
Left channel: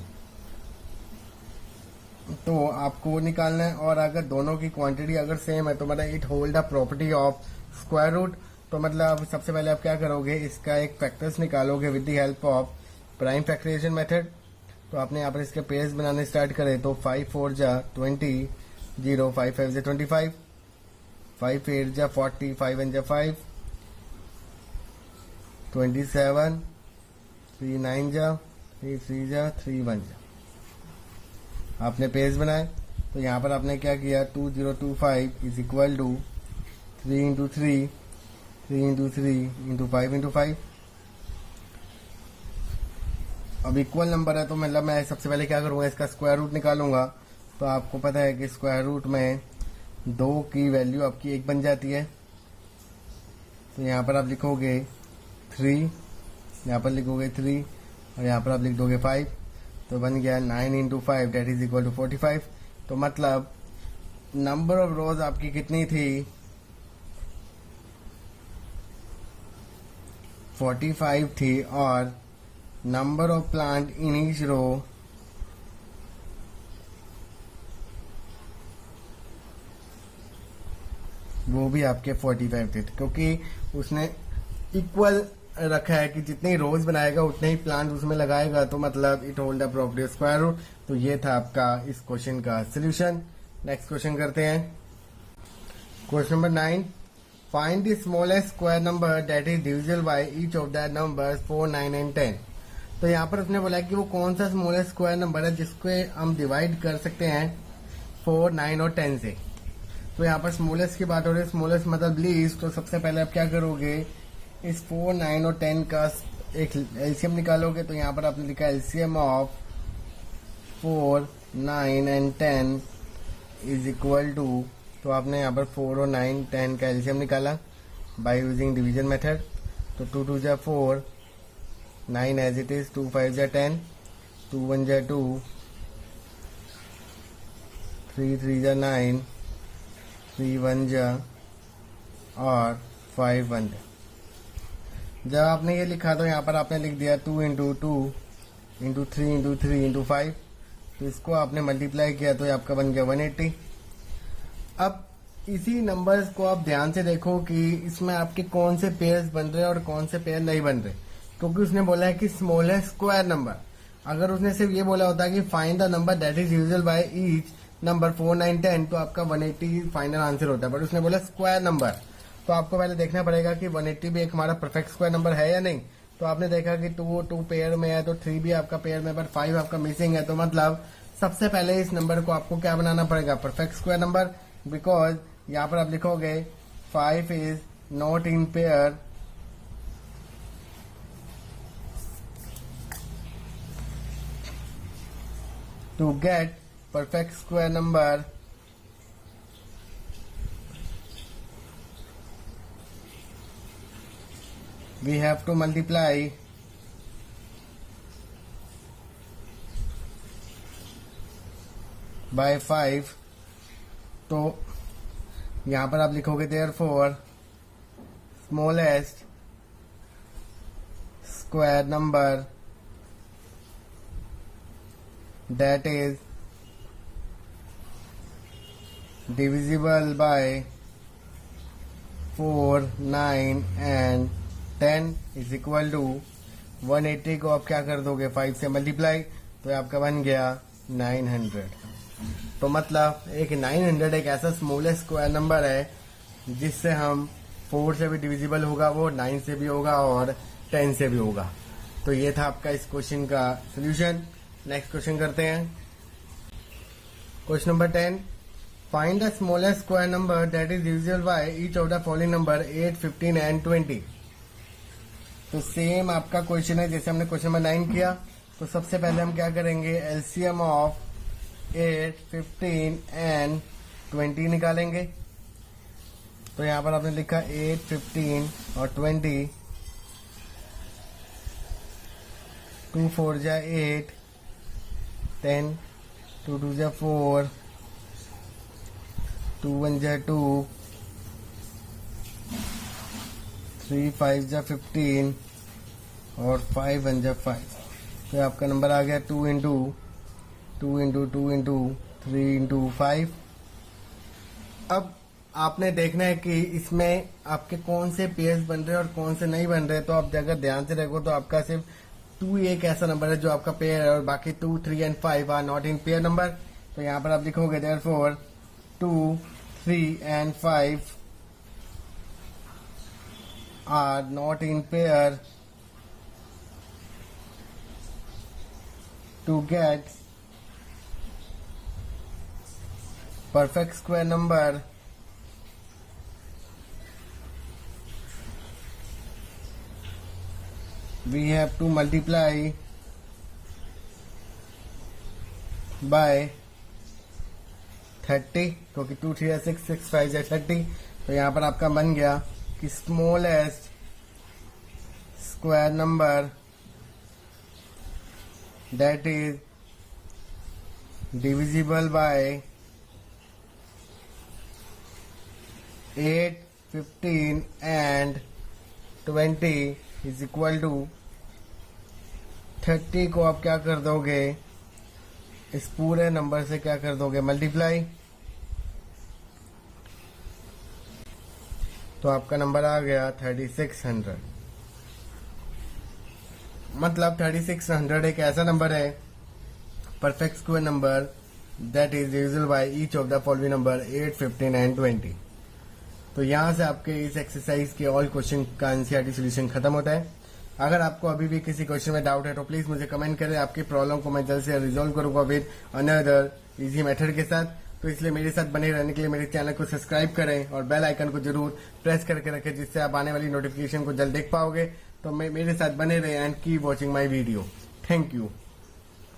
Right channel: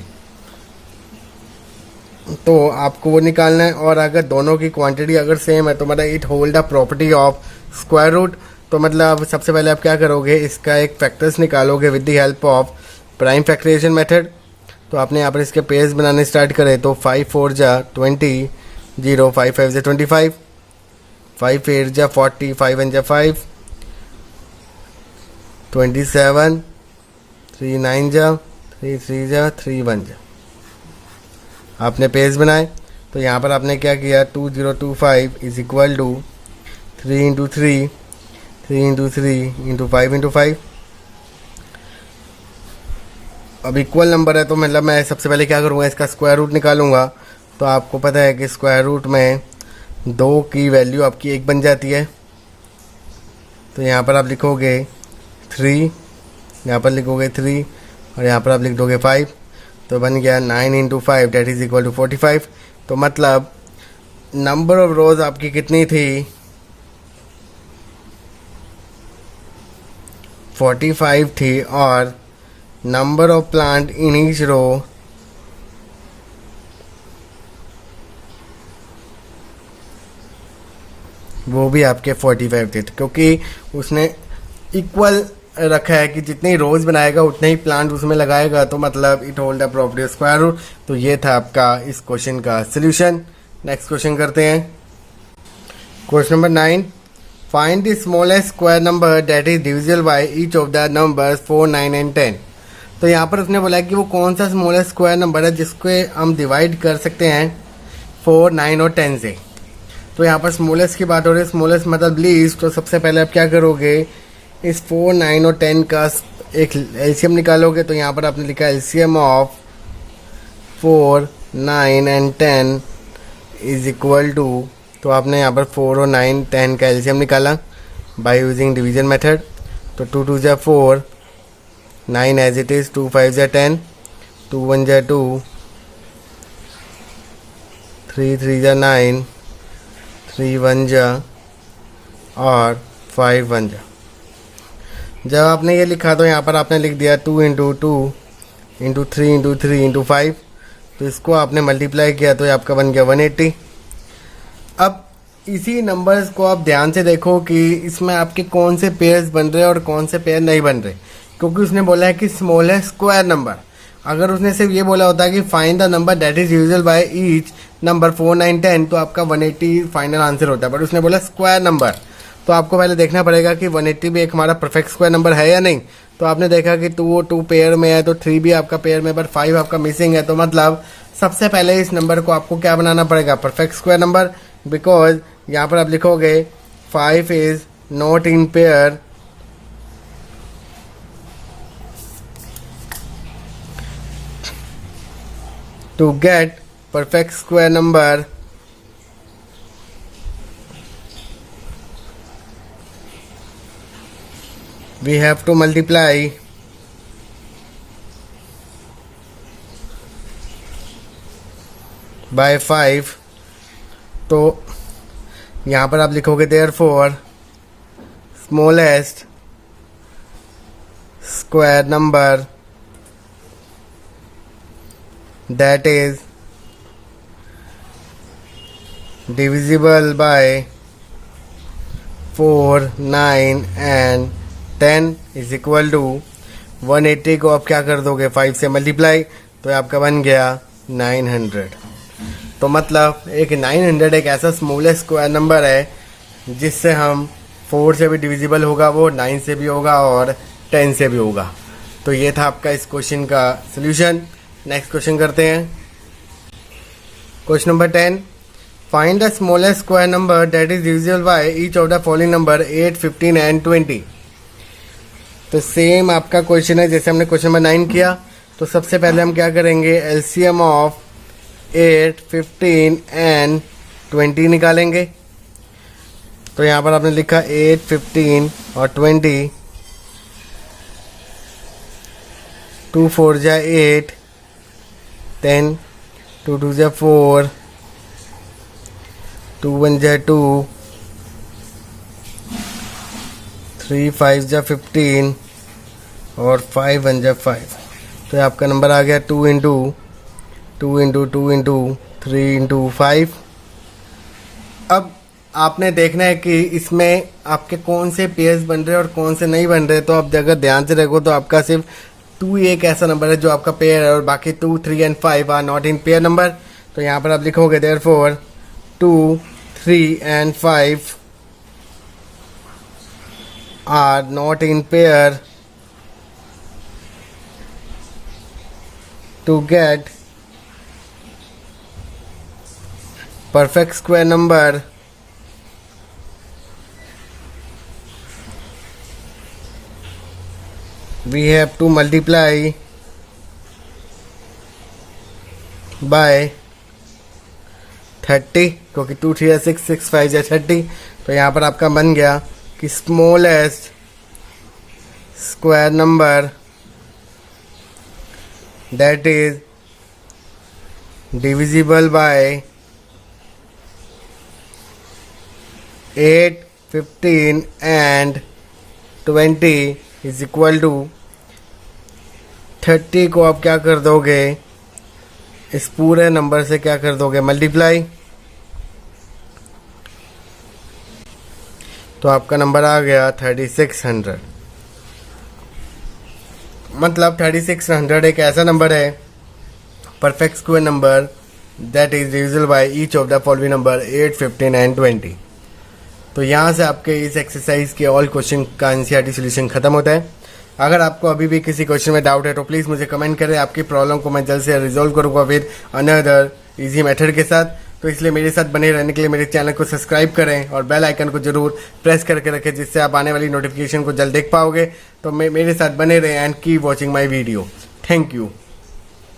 तो आपको वो निकालना है। और अगर दोनों की क्वांटिटी अगर सेम है तो मतलब it hold the property of square root. तो मतलब सबसे पहले आप क्या करोगे, इसका एक फैक्टर्स निकालोगे with the help of prime factorisation method. तो आपने यहाँ पर इसके पेयर्स बनाने स्टार्ट करे तो 5 4 जा 20, 0 5 5 जा 25, 5 8 जा 40, 5 1 जा 5, 27, 3 9 जा 3 3 जा 3 1 जा। आपने पेज बनाए तो यहाँ पर आपने क्या किया 2025 is equal to 3 into 3, 3 into 3 into 5 into 5। अब इक्वल नंबर है तो मतलब मैं सबसे पहले क्या करूँगा, इसका स्क्वायर रूट निकालूंगा। तो आपको पता है कि स्क्वायर रूट में 2 की वैल्यू आपकी 1 बन जाती है। तो यहाँ पर आप लिखोगे 3, यहाँ पर लिखोगे 3 और यहाँ पर आप लिख दोगे 5। तो बन गया 9 into 5 that is equal to 45। तो मतलब नंबर ऑफ रोज आपकी कितनी थी 45 थी, और number of plant in each row वो भी आपके 45 थे, क्योंकि उसने इक्वल रखा है कि जितने रोज बनाएगा उतने ही प्लांट उसमें लगाएगा। तो मतलब it hold the property of square root. तो ये था आपका इस क्वेश्चन का सोल्यूशन। नेक्स्ट क्वेश्चन करते हैं। Question number 9, find the smallest square number that is divisible by each of the numbers 4 9 and 10। तो यहाँ पर उसने बोला कि वो कौन सा स्मॉलेस्ट स्क्वायर नंबर है जिसको हम डिवाइड कर सकते हैं 4 9 और 10 से। तो यहाँ पर स्मॉलेस्ट की बात हो रही है, स्मॉलेस्ट मतलब लीस्ट। तो सबसे पहले आप क्या करोगे, इस 4 9 और 10 का एक एलसीएम निकालोगे। तो यहाँ पर आपने लिखा LCM of 4 9 and 10 is equal to, तो आपने यहाँ पर 4 और 9 10 का एलसीएम निकाला बाय यूजिंग डिवीजन मेथड। तो 2 2 जा 4, 9 एज इट इज, 2 5 जा 10, 2 1 जा 2, 3 3 जा 9, 3 1 जा और 5 1 जा। जब आपने ये लिखा तो यहाँ पर आपने लिख दिया 2 इंटू 2 इंटू 3 इंटू 3 इंटू 5। तो इसको आपने मल्टीप्लाई किया तो ये आपका बन गया 180। अब इसी नंबर्स को आप ध्यान से देखो कि इसमें आपके कौन से पेयर्स बन रहे हैं और कौन से पेयर नहीं बन रहे, क्योंकि उसने बोला है कि स्मॉलेस्ट स्क्वायर नंबर। अगर उसने सिर्फ ये बोला होता कि find the number that is usual by each number 4 9 10, तो आपका 180 फाइनल आंसर होता है। बट उसने बोला स्क्वायर नंबर, तो आपको पहले देखना पड़ेगा कि 180 भी एक हमारा परफेक्ट स्क्वायर नंबर है या नहीं। तो आपने देखा कि 2 पेयर में है तो 3 भी आपका पेयर में, बट 5 आपका मिसिंग है। तो मतलब सबसे पहले इस नंबर को आपको क्या बनाना पड़ेगा, परफेक्ट स्क्वायर नंबर। बिकॉज यहाँ पर आप लिखोगे 5 is not in pair to get perfect square number we have to multiply by 5। तो यहाँ पर आप लिखोगे therefore smallest square number that is divisible by 4, 9 and 10 is equal to 180 को आप क्या कर दोगे 5 से मल्टीप्लाई, तो आपका बन गया 900। तो मतलब एक 900 एक ऐसा स्मॉलेस्ट स्क्वायर नंबर है जिससे हम 4 से भी डिविजिबल होगा, वो 9 से भी होगा और 10 से भी होगा। तो ये था आपका इस क्वेश्चन का सोल्यूशन। नेक्स्ट क्वेश्चन करते हैं। Question number 10, find the smallest square number that is divisible by each of the following number 8, 15 and 20। तो सेम आपका क्वेश्चन है जैसे हमने क्वेश्चन नंबर 9 किया। तो सबसे पहले हम क्या करेंगे, एलसीएम ऑफ 8, 15 एंड 20 निकालेंगे। तो यहाँ पर आपने लिखा 8, 15 और 20, 2 4 जा 8, 10, 2 2 जा 4, 2 1 जा 2, 3 5 जा 15 और 5 1 जा 5। तो आपका नंबर आ गया 2 इंटू 2 इंटू 2 इंटू 3 इंटू 5। अब आपने देखना है कि इसमें आपके कौन से पेयर्स बन रहे हैं और कौन से नहीं बन रहे। तो आप अगर ध्यान से देखो तो आपका सिर्फ 2 एक ऐसा नंबर है जो आपका पेयर है और बाकी 2, 3 and 5 are not in pair number. तो यहाँ पर आप लिखोगे therefore 2, 3 and 5 are not in pair to get perfect square number we have to multiply by 30, क्योंकि 2 3 6 6 5 या 30। तो यहाँ पर आपका बन गया कि smallest square number that is divisible by 8, 15 and 20 is equal to 30 को आप क्या कर दोगे, इस पूरे नंबर से क्या कर दोगे मल्टीप्लाई। तो आपका नंबर आ गया 3600। मतलब 3600 एक ऐसा नंबर है perfect square number that is divisible by each of the following number 8, 15 and 20। तो यहाँ से आपके इस एक्सरसाइज के ऑल क्वेश्चन का एनसीईआरटी सॉल्यूशन खत्म होता है। अगर आपको अभी भी किसी क्वेश्चन में डाउट है तो प्लीज़ मुझे कमेंट करें, आपकी प्रॉब्लम को मैं जल्द से रिजॉल्व करूँगा विद अनदर इजी मेथड के साथ। तो इसलिए मेरे साथ बने रहने के लिए मेरे चैनल को सब्सक्राइब करें और बेल आइकन को जरूर प्रेस करके रखें, जिससे आप आने वाली नोटिफिकेशन को जल्द देख पाओगे। तो मेरे साथ बने रहें and keep watching my video. Thank you.